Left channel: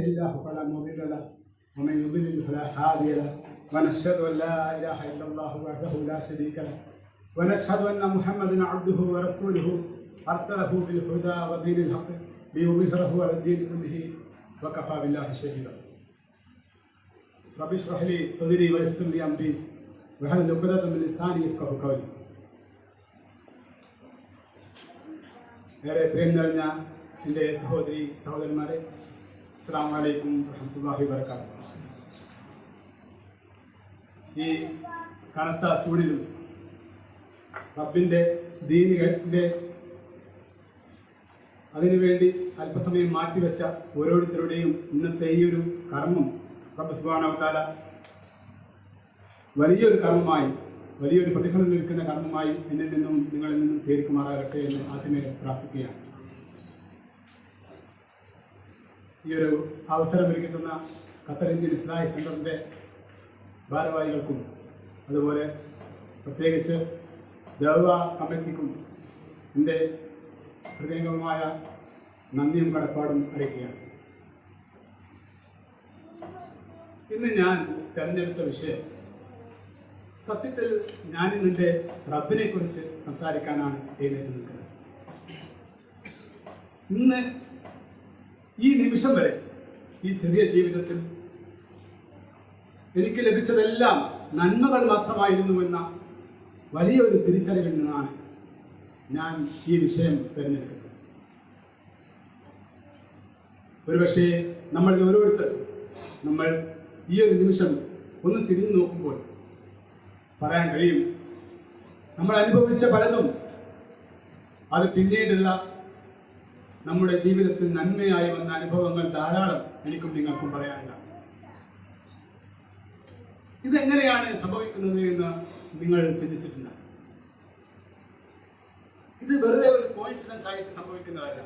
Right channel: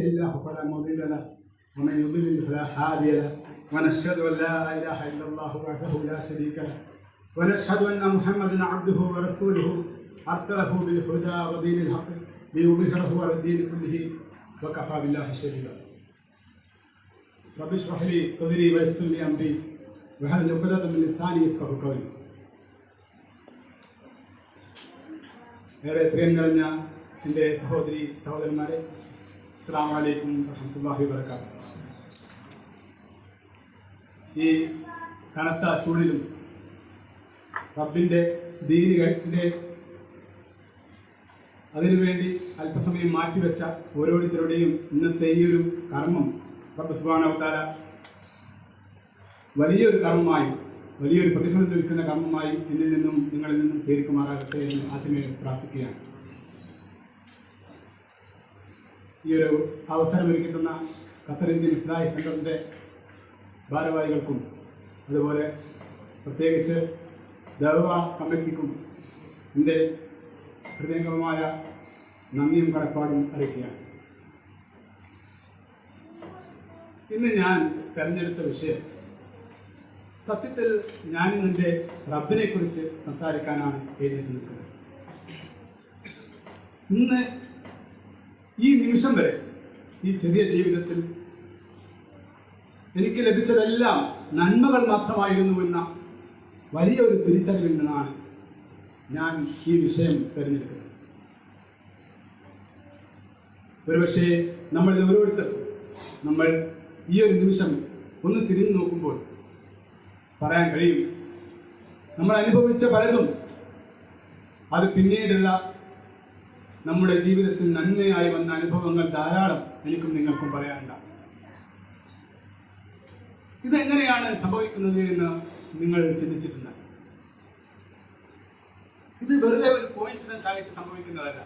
الله فلا مضل له ومن يضلل فلا هادي له ونشهد ان لا اله الا الله وحده لا شريك له ونشهد ان محمدا عبده ورسوله ارسله بالهدى ودين الحق ليظهره على الدين كله وكفى بالله شهيدا. رب اشرح لي صدري ويسر لي امري واحلل عقدة من لساني يفقهوا قولي. ഏറെ പ്രിയം നിറഞ്ഞ എൻ്റെ സഹോദരി സഹോദരന്മാരെ, അസ്സലാമു അലൈക്കും വറഹ്മത്തുള്ളാഹി വബറകാതുഹു. ഈ കനത്ത ചൂടിലും റബ്ബിൻ്റെ ദീനിന്റെ അതിനുവേണ്ടി അല്പസമയം മാറ്റിവെച്ച ഓരോരുത്തരുടെയും ഇന്നത്തെ ഈ ഒരു കർമ്മം റബ്ബ് സുബ്ഹാനഹു വ തആല വലിയൊരു കർമ്മമായി, വലിയൊരു പ്രതിഫലം ലഭിക്കുന്ന കർമ്മമായി എന്നിൽ നിന്നും നിങ്ങളിൽ നിന്നും സ്വീകരിക്കുമാറാകട്ടെ എന്ന് ആദ്യമേ പ്രാർത്ഥിക്കുകയാണ്. ഈ ഒരു അവസരം ഒരുക്കി തന്ന ഖത്തർ ഇന്ത്യൻ ഇസ്ലാഹി സെൻ്ററിൻ്റെ ഭാരവാഹികൾക്കും അതുപോലെ പ്രത്യേകിച്ച് ദഅവ കമ്മിറ്റിക്കും എൻ്റെ ഹൃദയംഗമമായ നന്ദിയും കടപ്പാടും അറിയിക്കുകയാണ്. ഇന്ന് ഞാൻ തിരഞ്ഞെടുത്ത വിഷയം, സത്യത്തിൽ ഞാനിന്നെൻ്റെ റബ്ബിനെ കുറിച്ച് സംസാരിക്കാനാണ് എഴുന്നേറ്റ് നിൽക്കുന്നത്. ഇന്ന് ഈ നിമിഷം വരെ ഈ ചെറിയ ജീവിതത്തിൽ എനിക്ക് ലഭിച്ചതെല്ലാം നന്മകൾ മാത്രമായിരുന്നു എന്ന വലിയൊരു തിരിച്ചറിവിൽ നിന്നാണ് ഞാൻ ഈ വിഷയം തിരഞ്ഞെടുക്കുന്നത്. ഒരുപക്ഷേ നമ്മളിൽ ഓരോരുത്തർക്കും നമ്മൾ ഈ ഒരു നിമിഷം ഒന്ന് തിരിഞ്ഞു നോക്കുമ്പോൾ പറയാൻ കഴിയും, നമ്മൾ അനുഭവിച്ച പലതും അത് പിന്നീടുള്ള നമ്മുടെ ജീവിതത്തിൽ നന്മയായി വന്ന അനുഭവങ്ങൾ ധാരാളം എനിക്കും നിങ്ങൾക്കും പറയാനില്ല. ഇതെങ്ങനെയാണ് സംഭവിക്കുന്നത് എന്ന് നിങ്ങൾ ചിന്തിച്ചിട്ടുണ്ട്? ഇത് വെറുതെ ഒരു കോയിൻസിഡൻസ് ആയിട്ട് സംഭവിക്കുന്നതല്ല.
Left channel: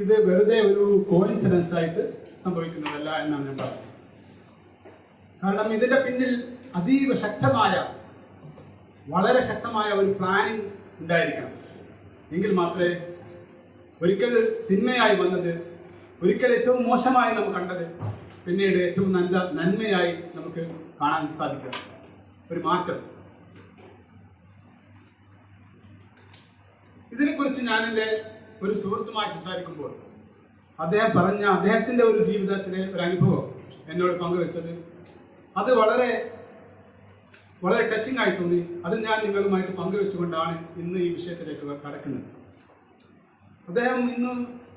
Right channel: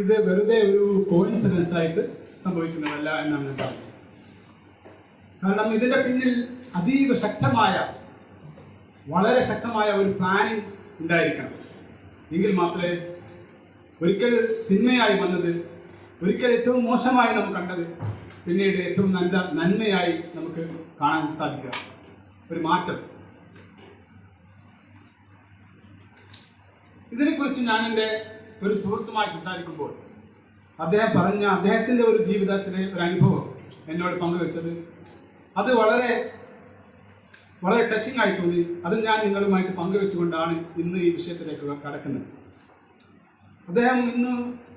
ഇത് വെറുതെ ഒരു കോയിൻസിഡൻസ് ആയിട്ട് സംഭവിക്കുന്നതല്ല എന്നാണ് ഞാൻ പറയുന്നത്. കാരണം ഇതിന്റെ പിന്നിൽ അതീവ ശക്തമായ, വളരെ ശക്തമായ ഒരു പ്ലാനിങ് ഉണ്ടായിരിക്കണം. എങ്കിൽ മാത്രമേ ഒരിക്കൽ തിന്മയായി വന്നത്, ഒരിക്കൽ ഏറ്റവും മോശമായി നമുക്ക് കണ്ടത് പിന്നീട് ഏറ്റവും നല്ല നന്മയായി നമുക്ക് കാണാൻ സാധിക്കുക. ഒരു മാറ്റം. ഇതിനെക്കുറിച്ച് ഞാൻ എൻ്റെ ഒരു സുഹൃത്തുമായി സംസാരിക്കുമ്പോൾ അദ്ദേഹം പറഞ്ഞ അദ്ദേഹത്തിൻ്റെ ഒരു ജീവിതത്തിലെ ഒരു അനുഭവം എന്നോട് പങ്കുവെച്ചത് അത് വളരെ വളരെ ടച്ചിങ് ആയി തോന്നി. അത് ഞാൻ നിങ്ങളുമായിട്ട് പങ്കുവെച്ചുകൊണ്ടാണ് ഇന്ന് ഈ വിഷയത്തിലേക്ക് കടക്കുന്നത്. അദ്ദേഹം ഇന്ന്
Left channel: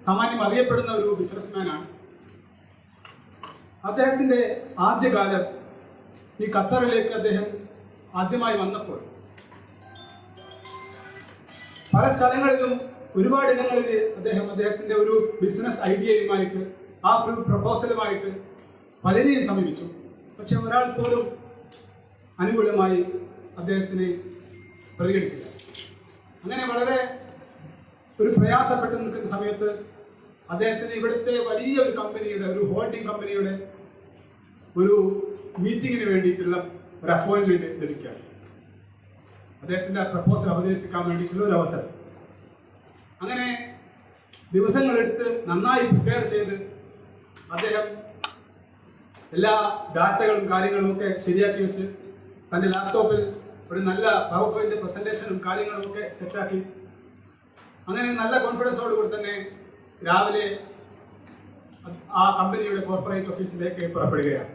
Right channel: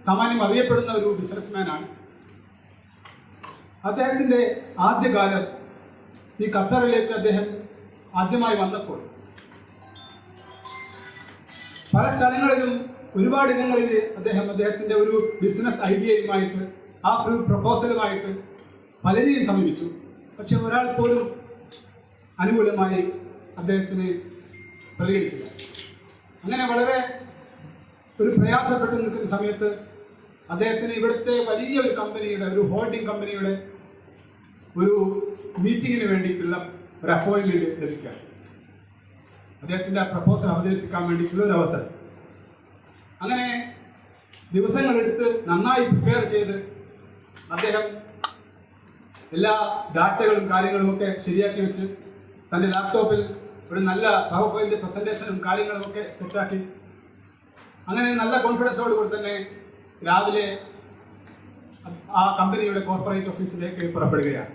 സാമാന്യം അറിയപ്പെടുന്ന ഒരു ബിസിനസ്മാനാണ്. അദ്ദേഹത്തിൻ്റെ ആദ്യകാലം ഈ ഖത്തറിലേക്ക് അദ്ദേഹം ആദ്യമായി വന്നപ്പോൾ പല സ്ഥലങ്ങളിലും ഒരുപാട് ഇടങ്ങളിൽ അദ്ദേഹത്തിൻ്റെ ഒരു ബിസിനസ് ഐഡിയയുമായിട്ട്, ആ ഒരു പ്രപ്പോസലുമായിട്ട് പലരെയും സമീപിച്ചു. പക്ഷെ ഒരാൾ പോലും അനുകൂലമായി അദ്ദേഹത്തിന് പ്രതികരിച്ചില്ല. അങ്ങനെ വളരെ ഒരു പ്രയാസപ്പെട്ട് നിൽക്കുന്ന സമയത്ത് അദ്ദേഹത്തിന് ഇവിടുത്തെ വലിയൊരു കമ്പനിയുടെ, ഒരു ഹോൾഡിംഗ് കമ്പനിയുടെ ഒരു മീറ്റിങ്ങിന് വേണ്ടിയിട്ടുള്ള ഒരു അപ്പോയിൻമെന്റ് ലഭിക്കുക, അദ്ദേഹത്തിൻ്റെ പ്രപ്പോസൽ അവതരിപ്പിക്കാൻ വേണ്ടിയിട്ടുള്ള ഒരു അവസരം. അങ്ങനെ ദിവസങ്ങളെടുത്ത് നന്നായി പ്രിപ്പയർ ചെയ്ത് അദ്ദേഹം എല്ലാ ഡാറ്റകളും കാര്യങ്ങളും ഒക്കെ ശരിയാക്കി വെച്ച് തൻ്റെ ലാപ്ടോപ്പിൽ ഒരു നല്ല പവർ പോയിന്റ് പ്രസന്റേഷനും കാര്യങ്ങളും ഒക്കെ സെറ്റാക്കി അങ്ങനെ നല്ല കോൺഫിഡൻസോടുകൂടി തന്നെ രാവിലെ ആ കമ്പനിയുടെ കോർപ്പറേറ്റ് ഓഫീസിലേക്ക് പുറപ്പെടുകയാണ്.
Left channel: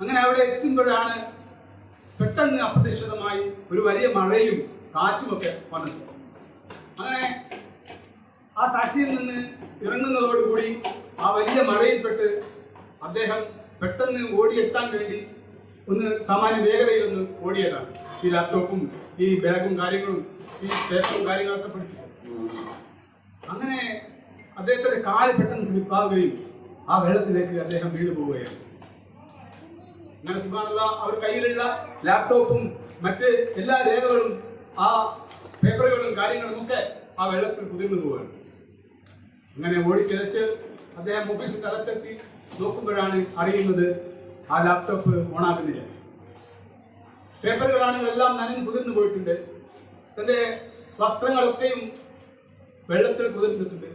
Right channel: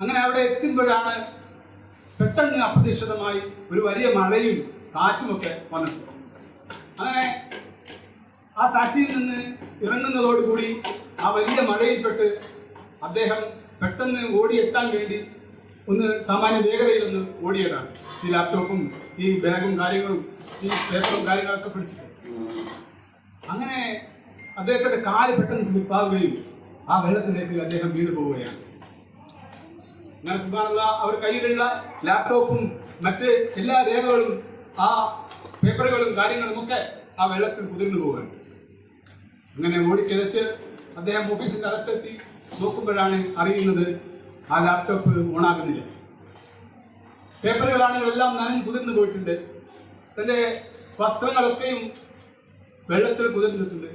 അങ്ങനെ അവിടെ എത്തുമ്പോഴാണ് പെട്ടെന്ന് അപ്രതീക്ഷിതമായി ഒരു വലിയ മഴയും കാറ്റുമൊക്കെ വന്നത്. അങ്ങനെ ആ ടാക്സിയിൽ നിന്ന് ഇറങ്ങുന്നതോടുകൂടി ആ വലിയ മഴയിൽപ്പെട്ട് അദ്ദേഹം പെട്ടെന്ന് ഓടിയെത്താൻ വേണ്ടി ഒന്ന് സാമാന്യ വേഗതയിലൊന്ന് ഓടിയതാണ്. ഈ ലാപ്ടോപ്പും ഈ ബാഗും കാര്യങ്ങളും ഈ പേപ്പറും കാര്യങ്ങളൊക്കെ പിടിച്ചു. അങ്ങനെ അദ്ദേഹത്തിൻ്റെ കാല് പെട്ടെന്ന് സ്ലിപ്പാവുകയും ആ വെള്ളത്തിലേക്ക് അദ്ദേഹം വീണു പോവുകയാണ്. അങ്ങനെ സുബ്ഹാനല്ലാഹ്, അവർ കയ്യിലുള്ള ലാപ്ടോപ്പും മറ്റ് എല്ലാ രേഖകളും ആ പേപ്പറുകളും കാര്യങ്ങളും ഒക്കെ ആ വെള്ളത്തിൽ കുതിർന്നു പോവുകയാണ്. അങ്ങനെ ഓടിക്കിതച്ച് അദ്ദേഹം ഓഫീസിൻ്റെ അകത്തെത്തി നോക്കുമ്പോഴാണ് അറിയുന്നത് ആ ലാപ്ടോപ്പ് ഓണാകുന്നില്ല. പേപ്പറുകളാണെങ്കിൽ എല്ലാം നനഞ്ഞ് കുതിർന്നു പോയിട്ടുണ്ട്. തൻ്റെ വസ്ത്രങ്ങളൊക്കെയും വെള്ളത്തിൽ കുതിർന്നിട്ടുണ്ട്.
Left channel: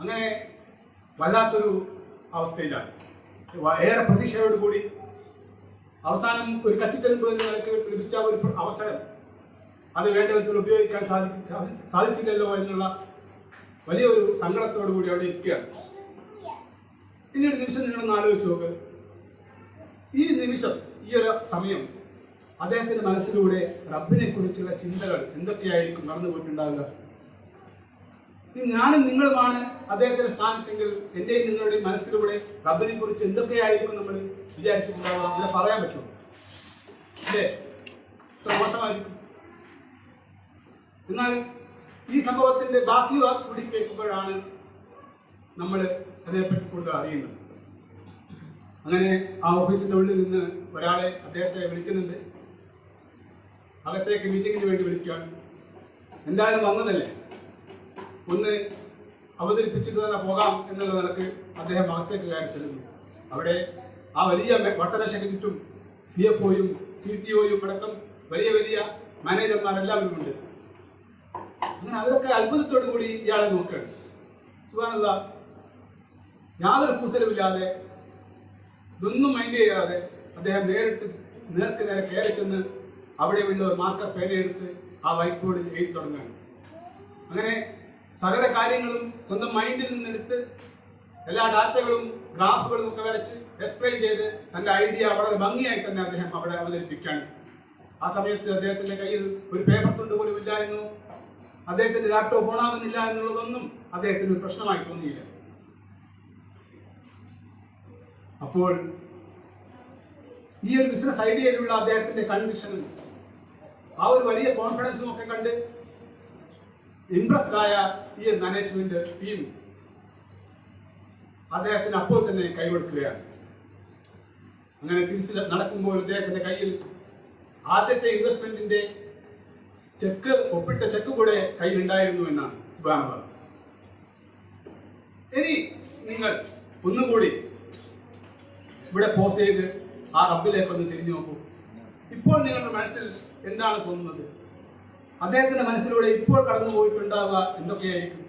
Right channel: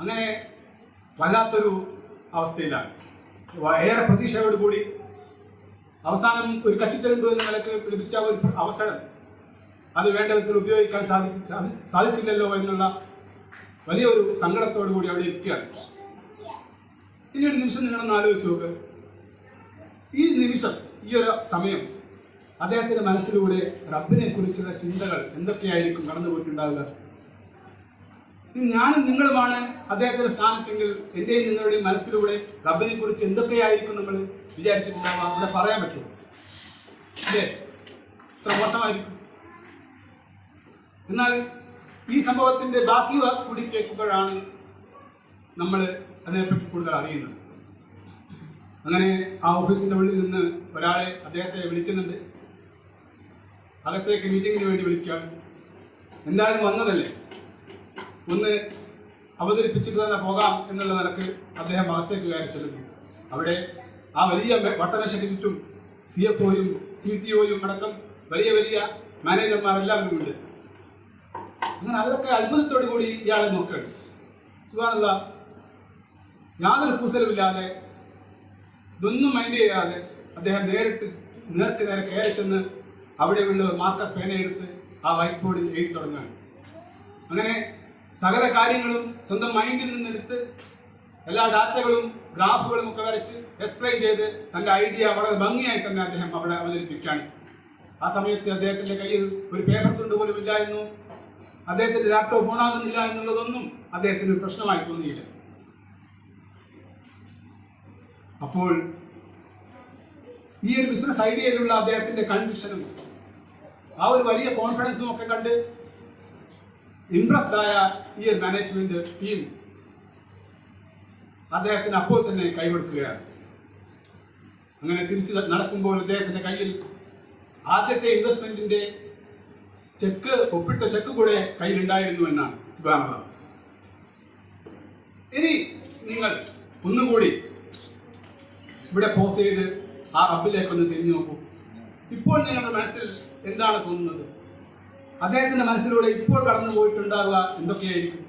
അങ്ങനെ വല്ലാത്തൊരു അവസ്ഥയിലാണ്. ഏറെ പ്രതീക്ഷയോടുകൂടി അവസാനം ഒരു കച്ചിത്തെരുമ്പ് എന്ന നിലക്ക് ലഭിച്ച ഒരു അവസരം അത് വേണ്ട വിധത്തിൽ ഉപയോഗിക്കാൻ സാധിച്ചില്ലല്ലോ എന്നുള്ള വലിയൊരു സങ്കടത്തോടു കൂടി അവിടെ ഇരിക്കുകയാണ്. പിന്നീട് നിമിഷം നിങ്ങളൊന്ന് ആലോചിച്ച് നോക്ക്. ഈ നിമിഷം, ഈ ഒരു സമയം അദ്ദേഹത്തിന്റെ മനസ്സിലൂടെ റബ്ബിനെ കുറിച്ചുള്ള ചിന്തകൾ എന്തൊക്കെയായിരിക്കും നടന്നു പോയിട്ടുണ്ടാവുക? ഞാനും നിങ്ങളുമാണ് അദ്ദേഹത്തിന്റെ സ്ഥാനത്തെങ്കിൽ എന്റെയും നിങ്ങളുടെയും മനസ്സിലൂടെ റബ്ബിനെ കുറിച്ച് എന്തൊക്കെയായിരിക്കും നമ്മൾ വിചാരിച്ചിട്ടുണ്ടാവുക? അവിടെ പറയാൻ പറ്റുമോ? അല്ലേ? ഇത്ര മോശമായിരിക്കും. എന്നാൽ ഈ സംഭവത്തിന്റെ ബാക്കി കൂടി കേൾക്കുമ്പോഴാണ് നമ്മൾ അതിനെപ്പറ്റി കൂടുതൽ അറിയുന്നത്. അങ്ങനെ ആ ഓഫീസിന്റെ ഉള്ളിൽ നിന്ന് ഒരാളെ അദ്ദേഹത്തെ വിളിക്കുന്നുണ്ട്. അകത്തേക്ക് മീറ്റിങ്ങിന് വേണ്ടി വിളിക്കാൻ. എന്തായാലും വന്നതല്ലേ, ഒന്ന് അവതരിപ്പിച്ചിട്ട് തന്നെ പോകാം എന്നുള്ള നിലക്ക് അദ്ദേഹം അകത്തേക്ക് കയറി ചെല്ലുന്നു. അവിടെ ആ വലിയ വട്ടമേശയ്ക്ക് ചുറ്റും CFOയും CTOയും അടക്കം വലിയ വലിയ മാനേജർമാരെല്ലാവരും ഉണ്ട്. അങ്ങനെ അവരൊക്കെ അത്ഭുതത്തോടു കൂടി ഇയാളെ നോക്കുകയാണ്. സുബ്ഹാനല്ലാഹ്, യാതൊരു കൂസലുമില്ലാതെ ഇതൊന്നും മൈൻഡ് ചെയ്യാതെ അദ്ദേഹം നേരിട്ട് നേർക്ക് നേരെ കയറി ചെന്ന് അവിടെയുള്ള ഒരു മാർക്കർ പേനയെടുത്ത് ആ വൈറ്റ് ബോർഡിൽ എഴുതി തുടങ്ങുകയാണ്. അങ്ങനെ സകല കാര്യങ്ങളും സ്വന്തം മൈൻഡിൽ നിന്നെടുത്ത് എല്ലാ ഡാറ്റകളും ഗ്രാഫുകളും ഒക്കെ വരച്ച് എക്സ്പ്ലെയിൻ ചെയ്ത് തന്റെ ഐഡിയ വളരെ ഭംഗിയായി തന്നെ അദ്ദേഹം അവിടെ അവതരിപ്പിക്കുകയാണ്. ആ സമയത്ത് അദ്ദേഹത്തിന്റെ കയ്യിൽ ഒരു പേപ്പർ തുണ്ട് പോലും ഇല്ലായിരുന്നു. അദ്ദേഹത്തിന്റെ ലാപ്ടോപ്പ് ഓണാകുന്നില്ല എന്നുള്ളതൊന്നും അദ്ദേഹത്തിന് പ്രശ്നമായി തോന്നിയില്ല. അപ്പോൾ ഈ ഒരു ബിസിനസ് ഐഡിയയിലുള്ള അദ്ദേഹത്തിന്റെ കൺവിക്ഷനും ആ ഒരു വലിയ കോൺഫിഡൻസും ഒക്കെ കണ്ട് ഇംപ്രസ്ഡ് ആയ ഈ ഒരു മാനേജ്മെന്റ് ടീം അദ്ദേഹത്തിന് അപ്പോൾ തന്നെ കൈകൊടുക്കുകയാണ്. അങ്ങനെ തിരിച്ച് നടക്കുമ്പോൾ അദ്ദേഹത്തിന്റെ കയ്യിൽ ആദ്യത്തെ ഇൻവെസ്റ്റ്മെന്റിന്റെ ഒപ്പിട്ട ചെക്ക് കൂടെ കയ്യിലുണ്ടായിരുന്നു എന്നാണ് സുബ്ഹാനല്ലാഹ്. ഇനി നിങ്ങൾ ഒന്നുകൂടി ഇവിടെ പോസ് ചെയ്ത് ആ റബ്ബിലേക്ക് ഒന്ന് തിരിഞ്ഞു നോക്കൂ. ഇപ്പോൾ നിങ്ങളുടെ മനസ്സിൽ എന്താണ് തോന്നുന്നത്? അദ്ദേഹത്തിന്റെ മനസ്സിലൂടെ ഇപ്പോൾ കടന്നു പോയിട്ടുണ്ടാവുക എന്തൊക്കെയായിരിക്കും?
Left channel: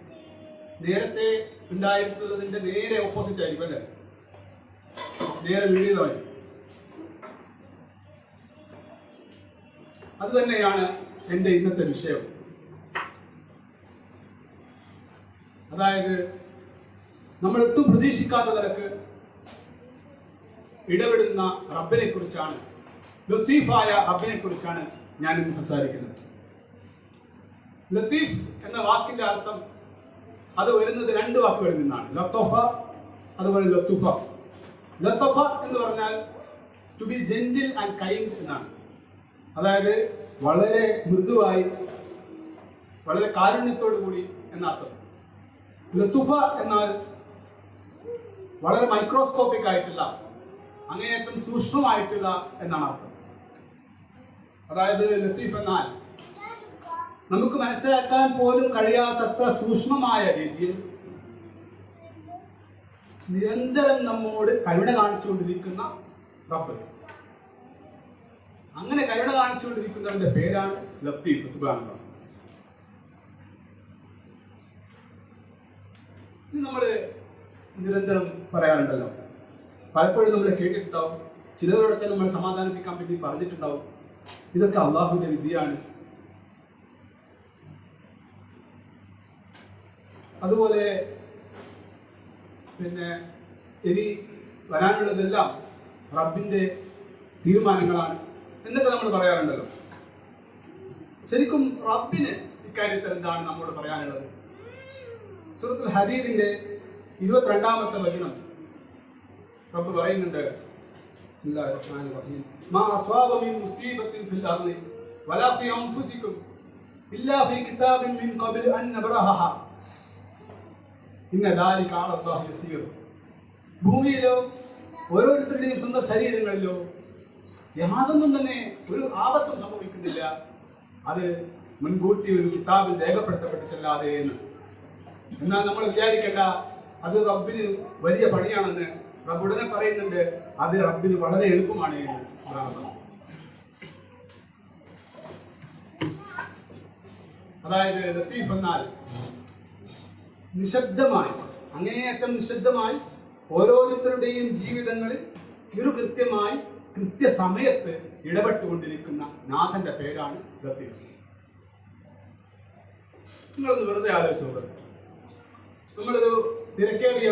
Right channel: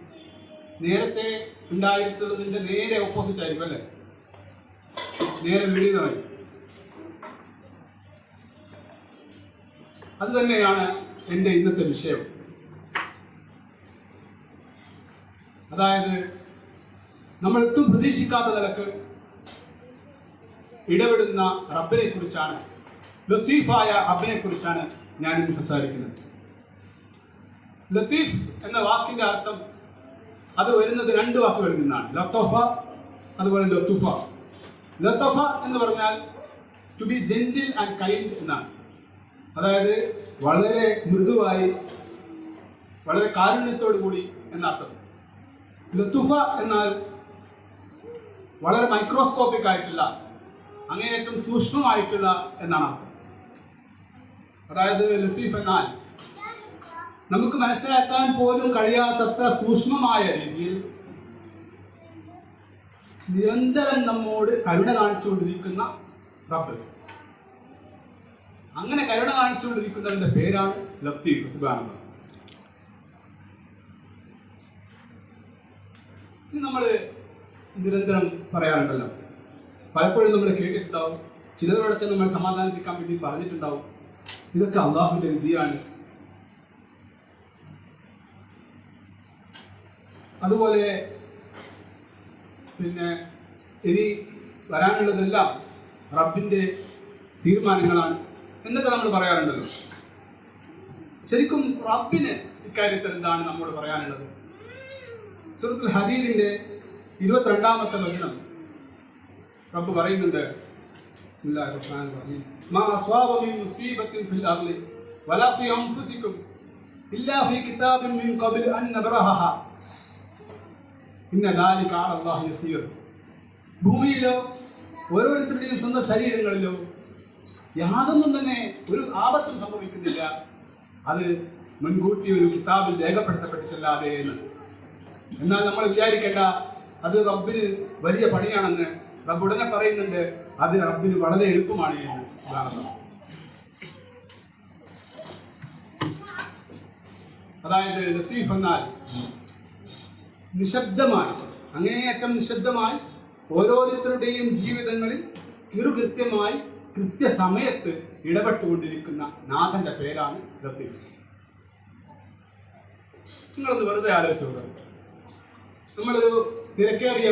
നേരത്തെ ഉണ്ടായിട്ടുള്ളതിന്റെ നേരെ ഓപ്പോസിറ്റ് ആയിരിക്കും, അല്ലേ? നേരെ വിപരീതമായി. അത് തന്നെയാണ് എൻ്റെ ഇന്നത്തെ വിഷയം. അതായത് നമ്മൾ ഒട്ടും പ്രതീക്ഷിക്കാത്ത നിലക്ക് ഇടപെടുന്ന റബ്ബിനെ കുറിച്ചാണ്, ലത്തീഫായ റബ്ബിനെ കുറിച്ചാണ് ഞാൻ ഇന്ന് സംസാരിക്കുന്നത്. ലത്തീഫ് എന്ന വാക്കിന്റെ അർത്ഥം അത് വരുന്നത് രണ്ട് വാക്കുകളിൽ നിന്നാണ്, ലത്തോഫ അതുപോലെ ലത്തൂഫ. ലത്തോഫ എന്ന് പറഞ്ഞാൽ to be gentle and kind എന്നാണ്. അതായത് വളരെ മൃദുവായി, വളരെ കാരുണ്യത്തോടു കൂടി എന്നർത്ഥം. ലത്തൂഫ എന്നാൽ വളരെ മൈക്രോസ്കോപ്പിക് ആയിട്ടുള്ള, അങ്ങേയറ്റം സൂക്ഷ്മമായിട്ടുള്ള എന്നാണ് അർത്ഥം. അതായത് ലത്തീഫ് എന്നാൽ നമുക്ക് മനസ്സിലാക്കാൻ പോലും കഴിയാത്തത്ര സൂക്ഷ്മമായ രീതിയിൽ നിരന്തരം നമ്മോട് കരുണ കാണിച്ചുകൊണ്ടിരിക്കുന്ന റബ്ബ്. അങ്ങനെ കരുണ കാണിച്ചുകൊണ്ടിരിക്കുന്നതിന്റെ പേരാണ് ലത്തീഫ്. സുബ്ഹാനല്ലാഹ്. ഇത് നമ്മൾ നിരന്തരം പറയാറുണ്ടല്ലോ, പലപ്പോഴും നമ്മൾ കേട്ടിട്ടുണ്ടാവും, ചിലരോടൊക്കെ നമ്മൾ സമാധാനിപ്പിക്കാൻ വേണ്ടി പറഞ്ഞിട്ടുണ്ടാവും, ഇതൊക്കെ അള്ളാഹുവിന്റെ വിധിയാണ്. അതുപോലെ പിന്നെ ഇനി വരാനുള്ളതെല്ലാം റബ്ബിന്റെ തീരുമാനങ്ങളാണ് എന്നൊക്കെ നമ്മൾ പറയാറുണ്ടല്ലോ. ശരിക്കും റബ്ബിന് ഇക്കാര്യത്തിൽ എന്താണ് നമ്മോട് പറയാനുള്ളത്? സൂറത്തുൽ ഹദീദിന്റെ 22-ാമത്തെ വചനം റബ്ബ് പറയുന്നുണ്ട്, ബിസ്മില്ലാഹിർ റഹ്മാനിർ റഹീം, മാ അസ്വാബ മിൻ മുസീബത്തിൻ ഫിൽ അർളി വലാ ഫീ അൻഫുസികും ഇല്ലാ ഫീ കിതാബിൻ മിൻ ഖബ്ലി അൻ നബ്റഹഹ ഇന്ന ദാലിക അലാ അല്ലാഹി യസീർ. ഭൂമിയിലോ ഓരോരുത്തരുടെയും സ്വന്തം ശരീരങ്ങളിലോ യാതൊന്നും തന്നെ ഒരു ആപത്തും സംഭവിക്കുന്നില്ല, അത് മുൻകൂട്ടി ഒരു കിതാബിൽ രേഖപ്പെടുത്തപ്പെട്ടിട്ടില്ലാതെ എന്ന്. എന്നാൽ നമ്മൾ വിചാരിക്കേണ്ട അത് റബ്ബിന് വലിയ പണിയാണെന്ന്. റബ്ബ് ഉടനെ പറയുന്നുണ്ട് അത് റബ്ബിന് വളരെ എളുപ്പമാണ് എന്ന്. അതായത് ലത്തീഫ് എന്നാൽ നിശബ്ദമായി, അങ്ങേയറ്റം നിശബ്ദമായി ഓരോരുത്തരുടെയും ജീവിതങ്ങളിൽ കൃത്യമായി കൃത്യസമയത്ത് ഇടപെട്ടുകൊണ്ടിരിക്കുന്ന നാഥന്റെ പേരാണ് ലത്തീഫ്. നിങ്ങളൊന്ന് വെറുതെ ആലോചിച്ചോളൂ. നമ്മളൊരു തിരക്കേറിയ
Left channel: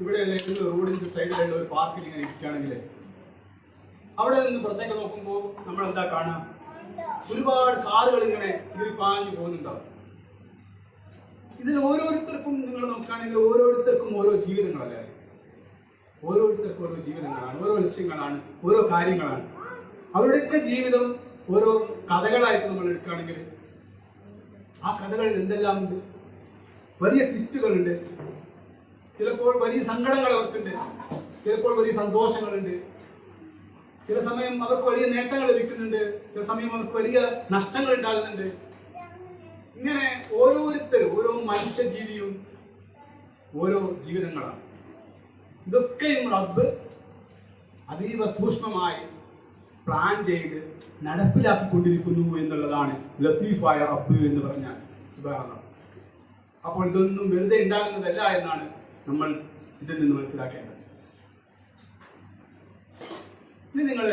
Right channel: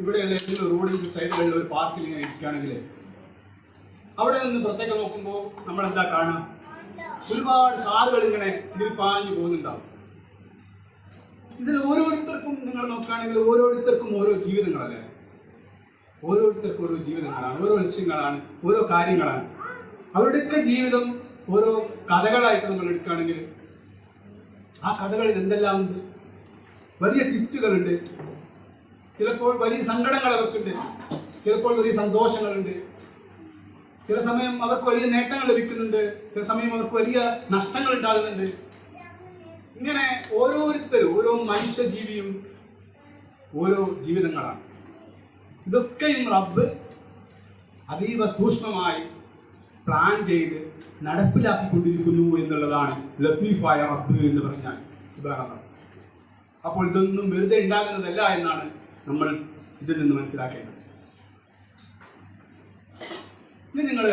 ഇവിടെയുള്ള ഏതെങ്കിലും റോഡിന്റെ സൈഡിലുള്ള ഒരു പാർക്കിൽ ഇങ്ങനെ ഇരിക്കുകയാണെങ്കിൽ അവിടെ നിന്ന് പുറത്തേക്ക് നോക്കുമ്പോൾ നമ്മൾ എന്താ കാണാം? ഒരുപാട് കാറുകൾ ഇങ്ങനെ ചീറിപ്പാഞ്ഞു പോകുന്നുണ്ടാവും. ഇതിൽ ഓരോരുത്തർക്കും നിങ്ങൾ നോക്കുകയാണെങ്കിൽ ഓരോരുത്തർക്കും ഓരോ ജീവിതങ്ങളല്ലേ? ഓരോരുത്തർക്കും ഓരോ ജീവിതങ്ങളാണ്, ഓരോ ലക്ഷ്യങ്ങളാണ്, ഓരോ കാര്യങ്ങളാണ്. അവരുടെയൊക്കെ ജീവിതം ഓരോ കഥകളായിട്ട് നമ്മൾ എടുക്കുകയാണെങ്കിൽ ആ കഥകളിൽ എന്തെല്ലാം ഉണ്ട്? വലിയ ട്വിസ്റ്റുകളുണ്ട്, ചിലപ്പോൾ വലിയ സങ്കടങ്ങൾ അവർക്കുണ്ട്, ചിലപ്പോൾ വലിയ സന്തോഷങ്ങളുണ്ട്, ചില സമയം അവർക്ക് വലിയ നേട്ടങ്ങൾ ലഭിക്കുന്നുണ്ട്, ചില സമയം അവർക്ക് വലിയ നഷ്ടങ്ങൾ ഉണ്ടാകുന്നുണ്ട്. ഇങ്ങനെ ഓരോരുത്തരും ഓരോ മനുഷ്യജീവിയും ഓരോ ജീവിതങ്ങളാണ്. ഇതൊക്കെയും റബ്ബ് അതീവ സൂക്ഷ്മമായി പ്ലാൻ ചെയ്ത് നടപ്പിലാക്കിക്കൊണ്ടിരിക്കുന്നു എന്നുള്ളതാണ് ലത്തീഫായ റബ്ബ് എന്ന് പറഞ്ഞാൽ. സുബ്ഹാനല്ലാഹ്. അപ്പോൾ ഇതൊന്നും വെറുതെ ഉണ്ടാകുന്നതല്ല എന്നാണ് നമ്മൾ ഇതിൽ നിന്ന് മനസ്സിലാക്കേണ്ടത്. ഇനി നിങ്ങൾ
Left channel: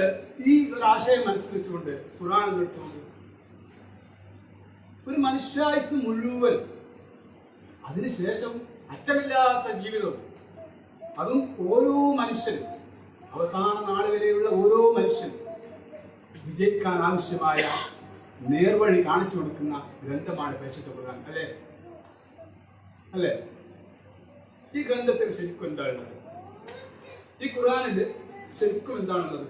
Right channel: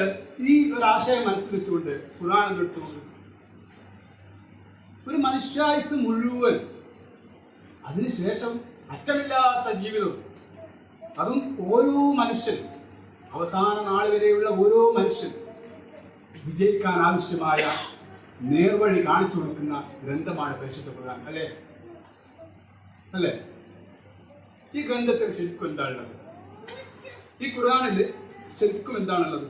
ഈ ഒരു ആശയം മനസ്സിൽ വെച്ചുകൊണ്ട് ഖുർആൻ എടുത്തുകൊണ്ട് ഒരു മനുഷ്യായുസ് മുഴുവൻ, അതിനുശേഷം അറ്റമില്ലാത്ത ജീവിതം, അതും ഓരോ മനുഷ്യനും അവസാന നാൾ വരെയുള്ള ഓരോ മനുഷ്യനും വിജയിക്കാൻ ആവശ്യമായ നേർവഴി കാണിച്ചു കൊടുക്കുന്ന ഗ്രന്ഥമാണ് പരിശുദ്ധ ഖുർആൻ. അല്ലേ? ഈ ഗ്രന്ഥത്തിൽ ശരിക്കും എന്താണുള്ളത്? ഈ ഖുർആനിൽ ശരിക്കും എന്താണുള്ളത്?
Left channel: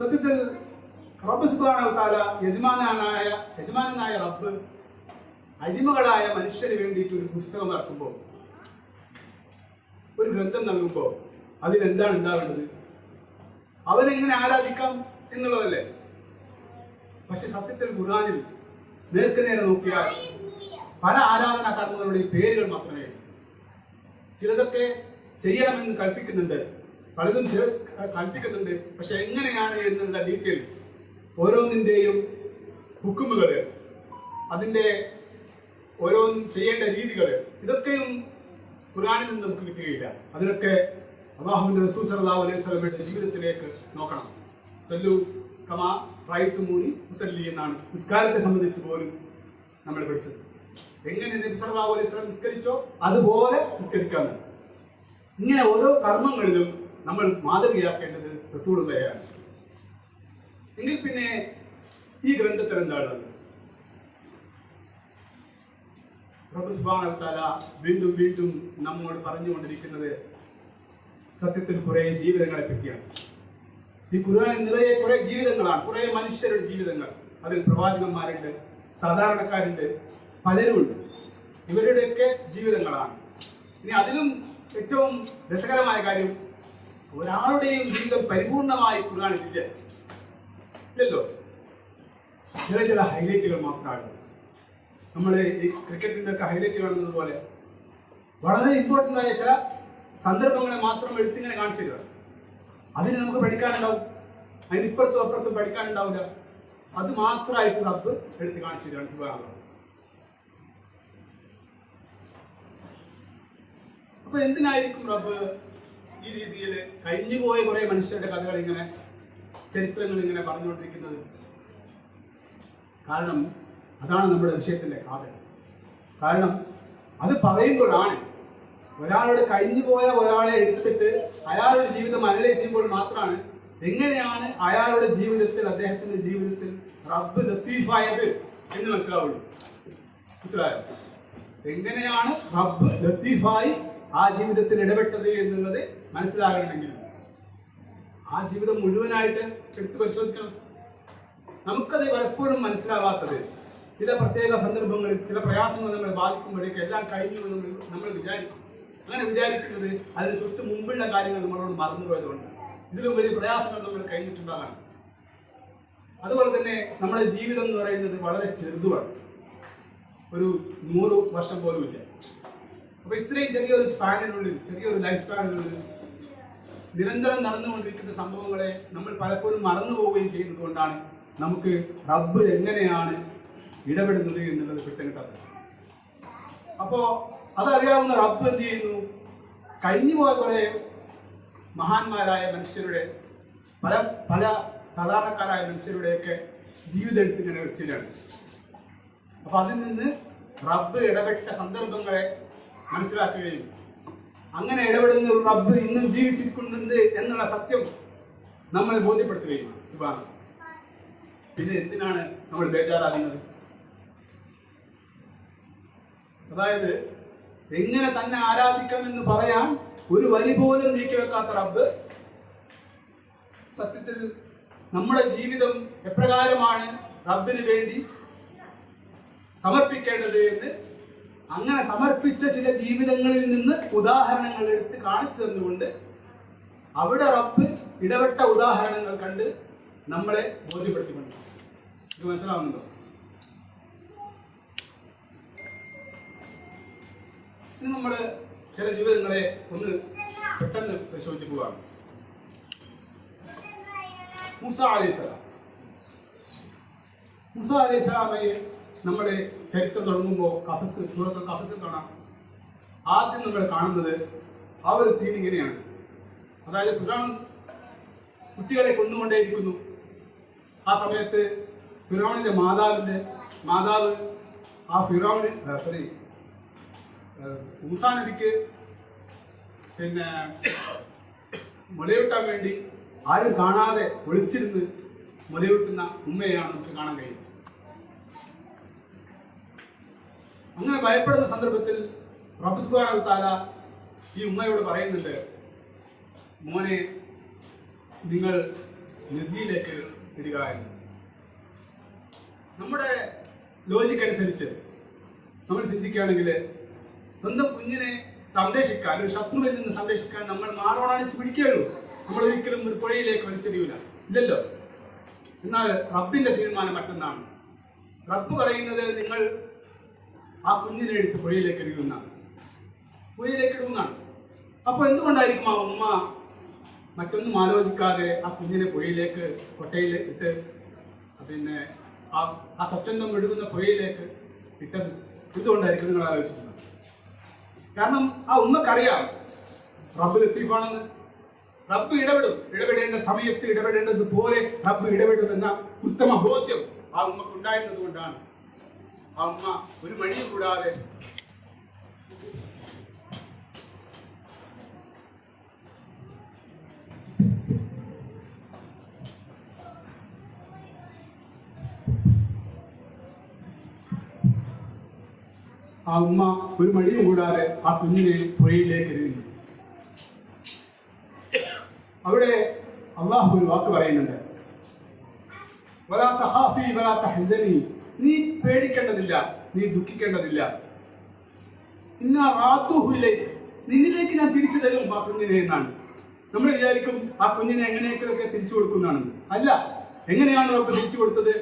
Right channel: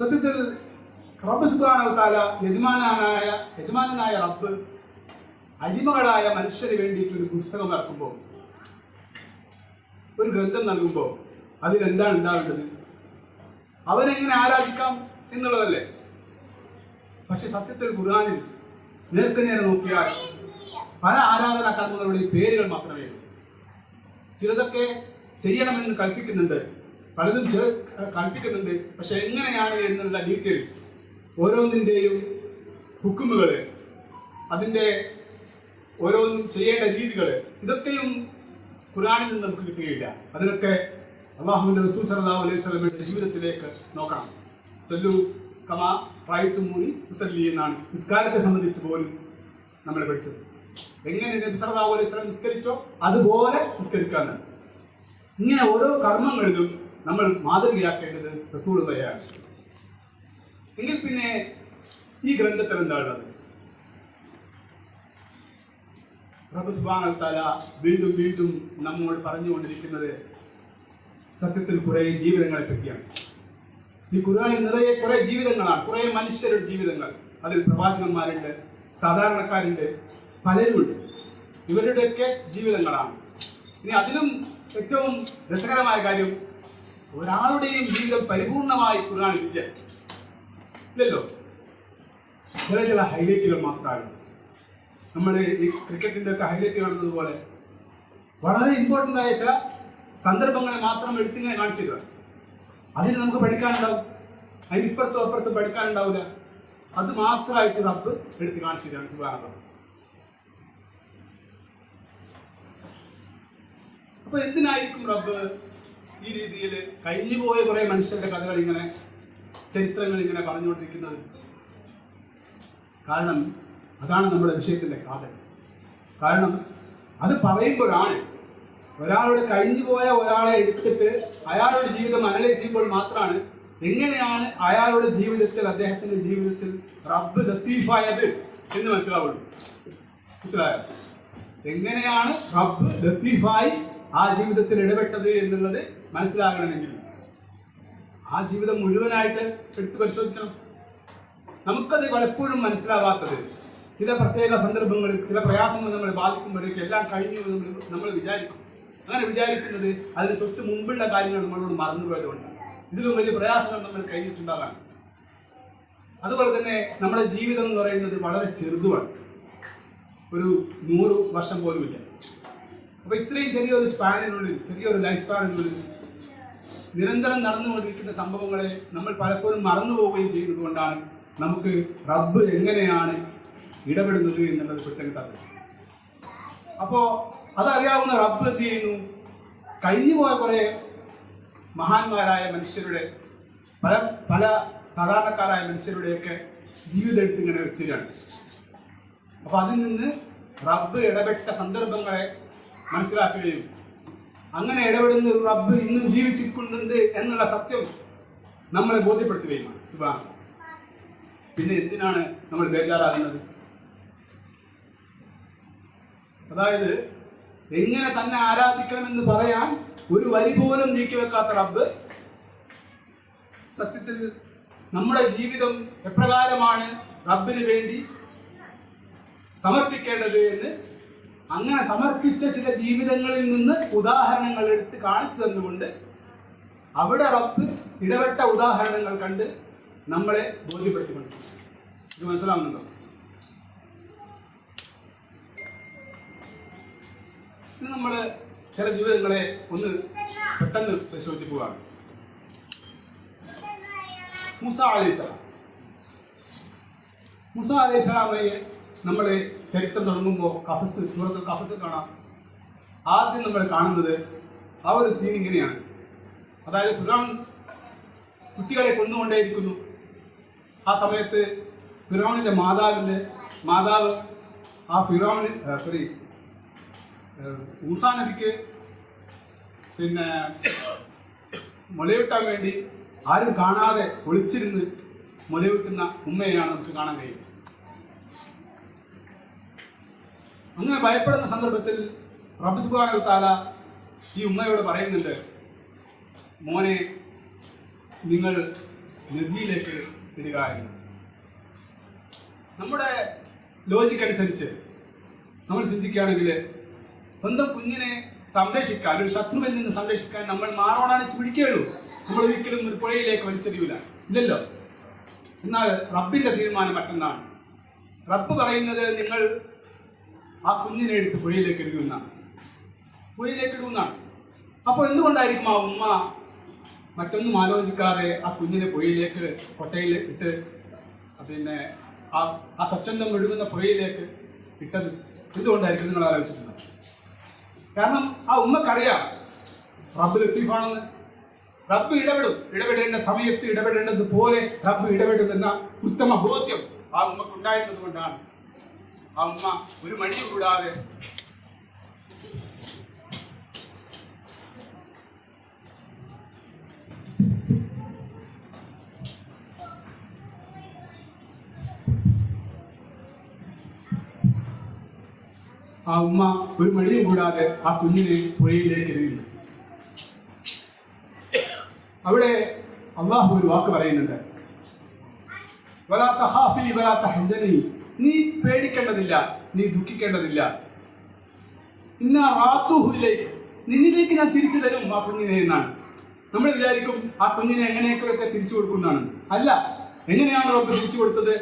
സത്യത്തിൽ റബ്ബ് സുബ്ഹാനഹു വ തആല യജമാനായ റബ്ബ് അടിമകളായ മനുഷ്യന് വേണ്ടിയിട്ട് ഒരു പുസ്തകം ഇറക്കുമ്പോൾ, ഒരു ഗ്രന്ഥം നൽകുമ്പോൾ അതിലെന്താണ് ഉണ്ടാവേണ്ടത്? അവനെങ്ങനെ ആരാധിക്കാം എന്നുള്ളതല്ലേ? പക്ഷെ സത്യത്തിൽ ഖുർആനിൽ നേർക്കുനേരെ നോക്കിയാൽ പല ആരാധനാ കർമ്മങ്ങളുടെയും പേരുകൾ മാത്രമേ ഉള്ളൂ. ചിലതൊക്കെ ചെയ്യണമെന്ന് കൽപ്പിക്കുന്നുണ്ട്, പലതും കൽപ്പിക്കുന്നുണ്ട്, പക്ഷെ എങ്ങനെയാണ് എന്നുള്ള ഡീറ്റെയിൽസ്, ഓരോന്നിൻ്റെയും ഹുക്കുമുകൾ, അതിൻ്റെ ഓരോന്നും ചെയ്യേണ്ട രീതികൾ, ഇതൊക്കെയും ഖുർആനിൽ നിന്ന് നമുക്ക് കിട്ടുകയില്ല. അതിനൊക്കെ അല്ലാഹുവിന്റെ റസൂൽ സല്ലല്ലാഹു അലൈഹി വസല്ലമയുടെ ജീവിതത്തിലേക്ക് നോക്കണം. സല്ലു കമാ റഅയ്തുമൂനി ഉസല്ലി എന്നാണ് നിസ്കാരത്തെ സംബന്ധിച്ച് പോലും നമ്മൾ പഠിച്ചത്. എങ്ങനെ നബി സല്ലല്ലാഹു അലൈഹി വസല്ലം നിസ്കരിച്ചോ അതുപോലെ നിസ്കരിക്കാനാണ്. ഇങ്ങനെ ഓരോ കർമ്മങ്ങളിലും നമ്മൾ മാതൃകയാക്കേണ്ടത് റസൂലുള്ളാഹിയാണ്. എങ്കിൽ പിന്നെ ഈ ഗ്രന്ഥത്തിൽ എന്താണുള്ളത്? റബ്ബ് സുബ്ഹാനഹു വ തആല വീണ്ടും വീണ്ടും നമ്മോട് പറഞ്ഞുകൊണ്ടിരിക്കുന്നത് സത്യത്തിൽ കുറെ ജീവിതങ്ങളെ പറ്റിയാണ്. ഈ ഖുർആനിൽ നിറയെ കുറെ ജീവിതങ്ങളാണ്, കുറെ മനുഷ്യരുടെ ജീവിതങ്ങൾ. അതിൽ പ്രവാചകന്മാരുണ്ട്, സാധാരണക്കാരുണ്ട്, പലരുമുണ്ട്. ഇവരുടെയൊക്കെ ജീവിതങ്ങളാണ്. ഇനി അതിലും ഏറ്റവും രസകരമായ കാര്യം, ഒരാളുടെയും ജീവിതം പരിപൂർണമായി ഖുർആനിൽ ഇല്ലല്ലോ. ചില ഹൈലൈറ്റുകൾ മാത്രമാണ്. നമ്മൾ ഈ ക്രിക്കറ്റിന്റെ ഒക്കെ ഹൈലൈറ്റ് കാണുന്നത് പോലെ വളരെ ഇമ്പോർട്ടൻ്റ് ആയ ചില സന്ദർഭങ്ങളെ മാത്രം എടുത്തിങ്ങനെ കാണിച്ചു തരിക. അതിന് നമുക്ക് പഠിക്കാനുണ്ടാവും, അതിനിപ്പുറത്തും അപ്പുറത്തും പഠിക്കാനുണ്ടാവില്ല. അത് മാത്രമായിട്ട് റബ്ബ് എടുത്ത് കാണിച്ചു തരാണ്. സുബ്ഹാനല്ലാഹ്. അപ്പൊ എന്തിനായിരിക്കും റബ്ബ് ഈ രീതിയിൽ കഴിഞ്ഞുപോയ കുറെ മനുഷ്യരുടെ കഥകൾ ഇങ്ങനെ, ചരിത്രങ്ങൾ ഇങ്ങനെ പറഞ്ഞുകൊണ്ടിരിക്കുന്നത്? കാരണം അതാണ് നമ്മുടെ വിഷയത്തിന്റെ കാതൽ. കാരണം അത് പറയുമ്പോഴാണ് ഒരാളോട് കഴിഞ്ഞുപോയ ഒരാളെ എടുത്തിട്ട് അയാളുടെ ജീവിതം അനലൈസ് ചെയ്യുമ്പോൾ മാത്രമാണ് എങ്ങനെയാണ് അയാളുടെ ജീവിതത്തിൽ, അദ്ദേഹത്തിന്റെ ജീവിതത്തിൽ റബ്ബ് ലത്തീഫായത് എന്ന് മനസ്സിലാവുള്ളൂ. മനസ്സിലായോ? എങ്ങനെയാണ് റബ്ബ് ലത്തീഫായി ആ ജീവിതത്തിൽ ഇടപെട്ടത് എന്നുള്ളത് മനസ്സിലാകണമെങ്കിൽ ആ ജീവിതം മുഴുവനായിട്ട് എടുത്ത് പരിശോധിക്കണം. നമുക്കത് പലപ്പോഴും മനസ്സിലാവാത്തത് ചില പ്രത്യേക സന്ദർഭങ്ങളിൽ ചില പ്രയാസങ്ങൾ നമ്മളെ ബാധിക്കുമ്പോഴേക്കും എല്ലാം കഴിഞ്ഞു നമ്മൾ വിചാരിക്കും. അങ്ങനെ വിചാരിക്കുന്നത് അതിന് തൊട്ട് മുമ്പുള്ള കാര്യങ്ങൾ നമ്മളോട് മറന്നുപോയതുകൊണ്ട് ഇതിലും വലിയ പ്രയാസങ്ങൾ നമ്മൾ കഴിഞ്ഞിട്ടുണ്ടാകാം. അതുപോലെ തന്നെ നമ്മുടെ ജീവിതം എന്ന് പറയുന്നത് വളരെ ചെറുതുമാണ്. ഒരു 100 വർഷം പോലുമില്ല. അപ്പൊ ഇത്രയും ചെറിയൊരു സ്പാനിനുള്ളിൽ, ചെറിയൊരു ലൈഫ് സ്പാനിനുള്ളിൽ നിരന്തരം നടന്നുകൊണ്ടിരിക്കുന്ന സംഭവങ്ങളെ നമ്മൾ പലപ്പോഴും മറന്നു പോവുകയും ചെയ്യുന്നത് കൊണ്ടാണ് നമുക്ക് റബ്ബ് എങ്ങനെയാണ് ഇടപെടുന്നത് എന്നുള്ളത് പിടുത്തം കിട്ടാത്തത്. അപ്പോ അതറിയാവുന്ന റബ്ബ് എന്ത് ചെയ്യുന്നു? കഴിഞ്ഞുപോയ കുറെ മഹാന്മാരായ മനുഷ്യരുടെ പല സാധാരണക്കാരായ മനുഷ്യരുടെയൊക്കെ ജീവിതം എടുത്ത് ഇങ്ങനെ വെച്ചിട്ടാണ്. അപ്പൊ അതിൽ നിന്ന് റബ്ബ് ഇടപെട്ട സന്ദർഭങ്ങളെ മനസ്സിലാക്കുകയും അങ്ങനെ ഇടപെടുന്ന ഒരു റബ്ബ് ഇന്നും ജീവിച്ചിരിക്കുന്നുണ്ട് എന്നുള്ള സത്യം നമ്മളെ ബോധ്യപ്പെടുത്തുകയും സുബ്ഹാൻ. പിന്നെ എന്തിനാണ് നമ്മൾ ബേജാറാകുന്നത്? അതായത് എങ്ങനെ തന്നെ ആരാധിക്കണമെന്ന് പറയാൻ ഒരു വരി പോലും നീക്കി വെക്കാത്ത റബ്ബ് സത്യത്തിൽ നമ്മുടെ ജീവിതം എപ്രകാരമാണ് റബ്ബിന് വേണ്ടി സമർപ്പിക്കേണ്ടത് എന്ന് അങ്ങനെ സമർപ്പിച്ച ചില ജീവിതങ്ങളിൽ നിന്ന് ഉദാഹരണങ്ങൾ എടുത്ത് കാണിച്ചു തന്നുകൊണ്ട് അവിടെ റബ്ബ് ഇടപെട്ട ഉദാഹരണങ്ങൾ കണ്ട് നമ്മളെ ബോധ്യപ്പെടുത്തിക്കൊണ്ട്. ഇത് മനസ്സിലാവുന്നുണ്ടോ? ഇത് നമ്മൾ ചില ജീവിതങ്ങളെ ഒന്ന് പെട്ടെന്ന് പരിശോധിച്ച് പോവുകയാണ്. മൂസ അലൈഹിസ്സലാം. മൂസ അലൈഹിസ്സലാമയെ നമ്മൾ ചരിത്രം തുടങ്ങുമ്പോൾ സൂറത്തുൽ ഖസസ് കാണാം. ആദ്യം നമ്മൾ കാണുന്നത് ആ ഒരു സീൻ ഇങ്ങനെയാണ്. അതായത് ഫിറഔൻ കുട്ടികളെ കൊന്നുകൊണ്ടേയിരിക്കുന്നു. ആ സമയത്ത് ഫിറഔനിന്റെ മാതാവ് ആ മൂസാ നബിക്ക് പിന്നെ മുലയൂട്ടാൻ വേണ്ടി ആരും കാണാതെ ഒളിച്ചിരുന്ന് മുലയൂട്ടുന്ന ഉമ്മയെയാണ് നമുക്ക് കാണാൻ കഴിയുന്നത്. അങ്ങനെ ഭയപ്പെടുന്ന സന്ദർഭത്തിൽ റബ്ബ് സുബ്ഹാനഹു വ തആല ഈ ഉമ്മയോട് പറയുന്നുണ്ട്, മോനെ നിങ്ങൾ നദിയിലേക്ക് ഇടുക എന്ന്. നമ്മുടെ ലോജിക്ക് അനുസരിച്ച് നമ്മൾ ചിന്തിക്കുകയാണെങ്കിൽ സ്വന്തം കുഞ്ഞിനെ സംരക്ഷിക്കാൻ, ഒരു ശത്രുവിൽ നിന്ന് സംരക്ഷിക്കാൻ നമ്മൾ മാറോടണിച്ച് പിടിക്കുകയുള്ളൂ. നമ്മൾ ഒരിക്കലും ഒരു പുഴയിലേക്ക് വലിച്ചെറിയൂല, ഇല്ലല്ലോ. എന്നാൽ റബ്ബിന്റെ തീരുമാനം മറ്റൊന്നാണ്. റബ്ബ് പറയുന്നത് നിങ്ങൾ ആ കുഞ്ഞിനെ എടുത്ത് പുഴയിലേക്ക് ഇടുന്നതാണ്. അപ്പോൾ എന്തുകൊണ്ടായിരിക്കും ആ ഉമ്മ മറ്റൊന്നും ആലോചിക്കാതെ ആ കുഞ്ഞിനെ പുഴയിലേക്ക്, കൊട്ടയിൽ ഇട്ട് പിന്നെ ആ സ്വച്ഛന്തം ഒഴുകുന്ന പുഴയിലേക്ക് ഇട്ടത്? എന്തുകൊണ്ടായിരിക്കും നിങ്ങൾ ആലോചിച്ചിട്ടുണ്ടോ? കാരണം ആ ഉമ്മക്കറിയാം റബ്ബ് ലത്തീഫാണെന്ന്. റബ്ബ് ഇടപെടേണ്ട സമയത്ത് ഇടപെടേണ്ടതുപോലെ റബ്ബ് ഇടപെടുമെന്ന ഉത്തമ ബോധ്യം ആ ഉമ്മക്കുണ്ടായിരുന്നത് കൊണ്ടാണ് ആ ഉമ്മ ഒരു മടിയും കൂടാതെ ആ കുഞ്ഞിനെ പുഴയിലേക്ക് എറിയുന്നു. അവിടെ അള്ളാഹു ഒരു വാക്ക് പറയുന്നുണ്ട്, വലാ തഖാഫി വലാ തഹ്സനി, നീ പേടിക്കേണ്ടതില്ല, നീ ദുഃഖിക്കേണ്ടതില്ല. ഇന്നാ റാദുഹു ഇലൈക, നിന്നിലേക്ക് ഞാൻ തിരിച്ചു തരും ആ കുഞ്ഞിനെ എന്നാണ്. നമ്മൾ വിചാരിക്കും ആ കുഞ്ഞിനെ എങ്ങനെയൊക്കെ തിരിച്ചു കൊടുക്കുന്നതാണ്. അല്ല, എങ്ങനെയാണ് റബ്ബ് തിരിച്ചു കൊടുത്തത്?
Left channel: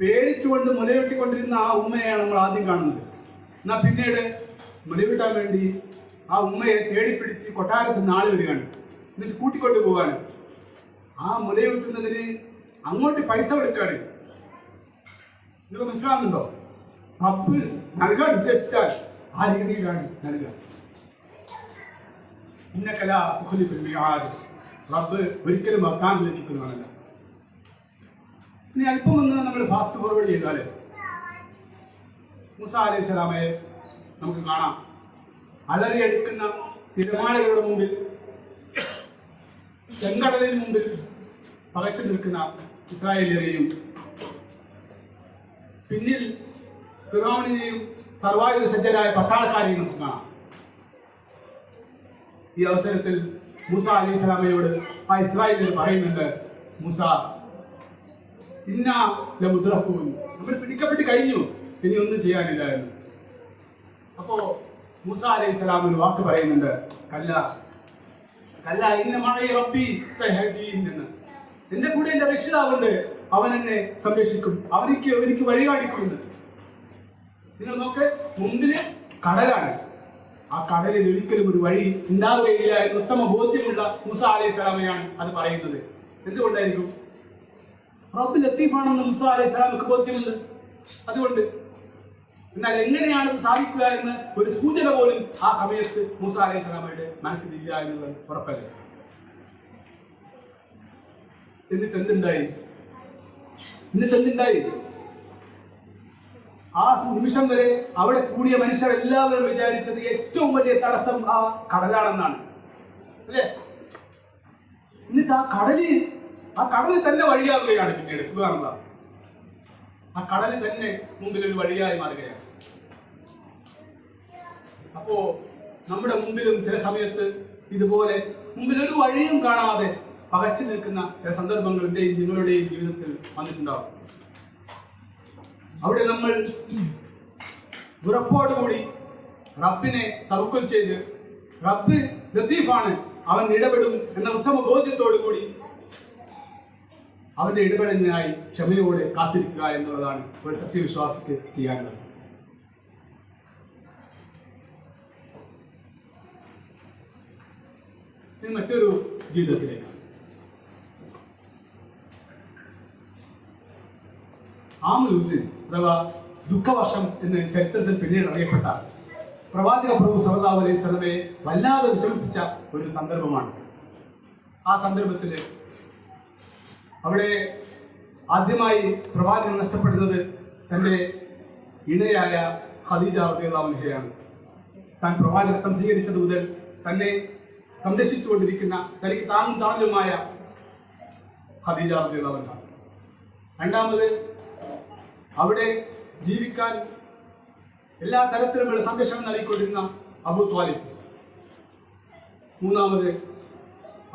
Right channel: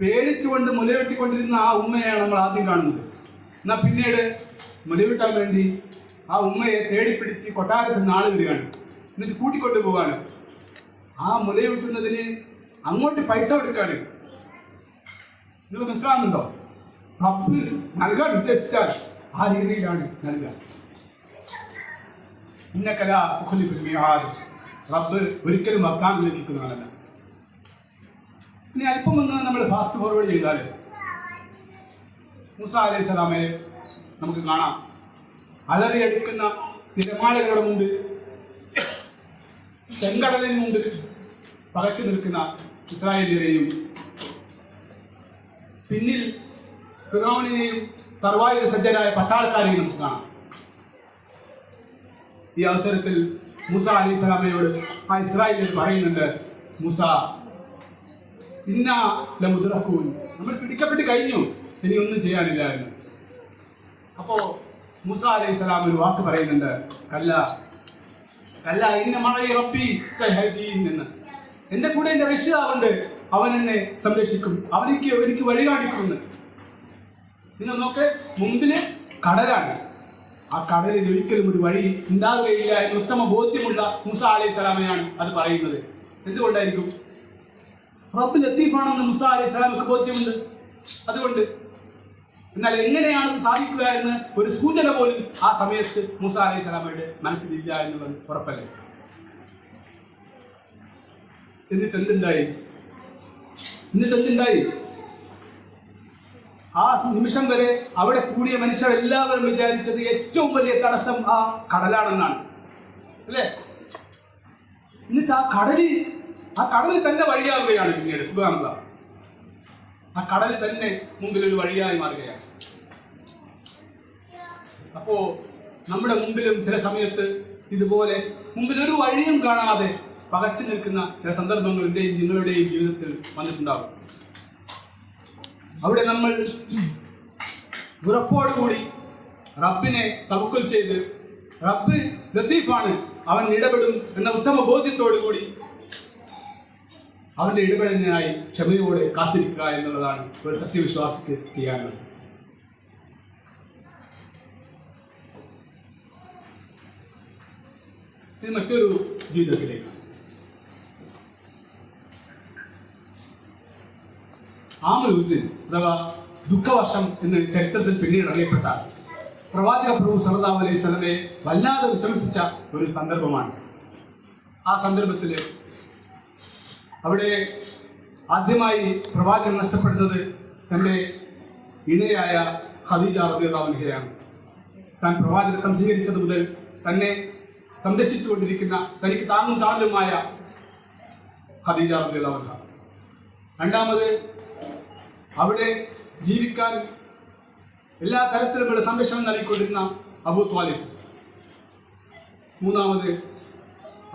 പേടിച്ചുകൊണ്ട് മുലവെട്ടിക്കൊണ്ടിരുന്ന ആ ഉമ്മയാണ് നമ്മൾ ആദ്യം കാണുന്നത്. എന്നാൽ പിന്നീട് മുലവിട്ടാൻ വേണ്ടി ആ ഉമ്മയെ തേടിപ്പിടിച്ച് കൊട്ടാരത്തിൽ നിന്ന് ആള് വരികയാണ്. എന്നിട്ട് കൂട്ടിക്കൊണ്ടു പോകാണ്. ആ മുലയൂട്ടുന്നതിന് അങ്ങോട്ട് പൈസ കൊടുക്കാണ്. നിങ്ങൾ മനസ്സിലാവുന്നുണ്ടോ? റബ്ബ് നൽകാൻ ഉദ്ദേശിച്ചാൽ ആ രീതിയിലാണ് നൽകുക. റബ്ബ് ഒരിക്കലും വാഗ്ദാനം ലഭിക്കുന്നതല്ല. ഇനി അല്പം ഒന്ന് നമ്മൾ ഫാസ്റ്റ് ഫോർവേഡ് ചെയ്താൽ മൂസ അലൈഹിസ്സലാമയെ നമുക്ക് കാണാം. അലറിയടിക്കുന്ന തിരമാലകളുടെ മുമ്പിൽ, ചെങ്കടലിന് മുമ്പിൽ പകച്ചു നിൽക്കുന്ന ഇസ്രായേലിനെയും പിന്നിൽ ഫിറൗനിനെയും സർവായുധ സജ്ജരായ പട്ടാളക്കാരെയും നമുക്ക് കാണാം. ഈ അവസരത്തിൽ മൂസ അലൈഹിസ്സലാമയോട് ആ ഇസ്രായേലിൽ പറയുന്നുണ്ട്, മൂസ ഇന്നാ ലമുദ്റഖൂൻ, നമ്മൾ പിടിക്കപ്പെട്ട് കഴിഞ്ഞു, ഇനി ഒന്നും ചെയ്യാനില്ല എന്ന്. അപ്പോ മൂസ അലൈഹിസ്സലാം ഒരു വാക്ക് പറയുന്നുണ്ട്, കല്ല ഇന്ന മഅഇ റബ്ബി സയഹ്ദീൻ എന്ന്. എന്റെ കൂടെ എന്റെ രക്ഷിതാവുണ്ട്, അവൻ എന്നെ സംരക്ഷിക്കും, എനിക്ക് വഴി കാണിക്കുമെന്ന്. നിങ്ങൾ നോക്ക്, മുമ്പില് കടലാണ്, ആ കടലിൽ ഒരിക്കലും ഒരു വഴി ഉണ്ടാവുകയില്ല എന്ന് ഉത്തമ ബോധ്യമുള്ള മൂസ അലൈഹി സ്വലാമയാണ് അത് പറയുന്നത്. എന്തുകൊണ്ടായിരിക്കും? റബ്ബ് ലത്തീഫാണെന്ന് മൂസ അലൈഹി സ്വലാമക്ക് ബോധ്യമുണ്ട്. അതുകൊണ്ട് എന്നാൽ എങ്ങനെയാണത് സാധിക്കുക എന്ന് ഒരു സൂചന പോലും ആ സമയത്ത് മൂസ അലൈഹി സ്വലാമയുടെ മനസ്സിലില്ല എന്നുള്ളത് ഉറപ്പല്ലേ. എന്നിട്ട് എന്തുണ്ടായി? ആ നിമിഷം വരെ അവിടെ കൂടിയ മനുഷ്യരെല്ലാവരും വിചാരിച്ചത് ഏറ്റവും വലിയ തടസ്സം ആ കടലാണെന്നാണ്, അല്ലേ? എന്നിട്ട് ആ കടല് തന്നെ വഴിയാവുകയാണ്. പിന്നീട് സുബ്ഹാനല്ലാഹ്, ആ കടല് തന്നെ മുമ്പിൽ ഒരു വഴിയായി മാറുകയാണ്. അപ്പോ നമ്മുടെ മുമ്പിലും ചില സമയത്ത് ഇതുപോലെ മുമ്പിൽ ഒരു വഴിയും കാണാതെ പകച്ചു നിൽക്കുന്ന ചില സന്ദർഭങ്ങൾ എന്റെയും നിങ്ങളുടെയും ജീവിതത്തിൽ വന്നിട്ടുണ്ടാവും. അവിടെ നമ്മൾ ഉറപ്പോടുകൂടി റബ്ബിനെ തവക്കുൽ ചെയ്ത് റബ്ബ് ലത്തീഫാണ്, അവൻ ഇടപെടും എന്ന ഉത്തമ ബോധ്യത്തോടുകൂടി അവന്റെ ഇടപെടലിനായി ക്ഷമയോടെ കാത്തിരിക്കുക എന്നുള്ളതാണ് ഒരു സത്യവിശ്വാസിക്ക് ചെയ്യാനുള്ളത്. ഇത് മറ്റൊരു ജീവിതത്തിലേക്ക്. ആമുൽ ഹുസ്ൻ അഥവാ ദുഃഖവർഷം എന്ന് ചരിത്രത്തിൽ പിന്നീട് അറിയപ്പെട്ട പ്രവാചക പ്രഭു സല്ലല്ലാഹു അലൈഹി വസല്ലമയെ വല്ലാതെ വിഷമിപ്പിച്ച ഒരു സന്ദർഭമാണ്. ആ സന്ദർഭത്തിൽ അവിടെ ആദ്യമായി പ്രവാചകൻ നഷ്ടപ്പെടുന്നത് തൻ്റെ ഇണയായ ഖദീജ റളിയല്ലാഹു അൻഹയാണ്. താൻ പ്രവാചകത്വം സ്വീകരിച്ചത് മുതൽ തന്നെ സംരക്ഷിച്ചുകൊണ്ടിരിക്കുന്ന തനിക്ക് താങ്ങും താങ്ങലുമായ ഖദീജ റളിയല്ലാഹു അൻഹ. രണ്ടാമത് അവിടെ ജീവിക്കാൻ എല്ലാ തരത്തിലുമുള്ള സംരക്ഷണം നൽകിക്കൊണ്ടിരുന്ന അബൂ ത്വാലിബ്. മൂന്നാമത്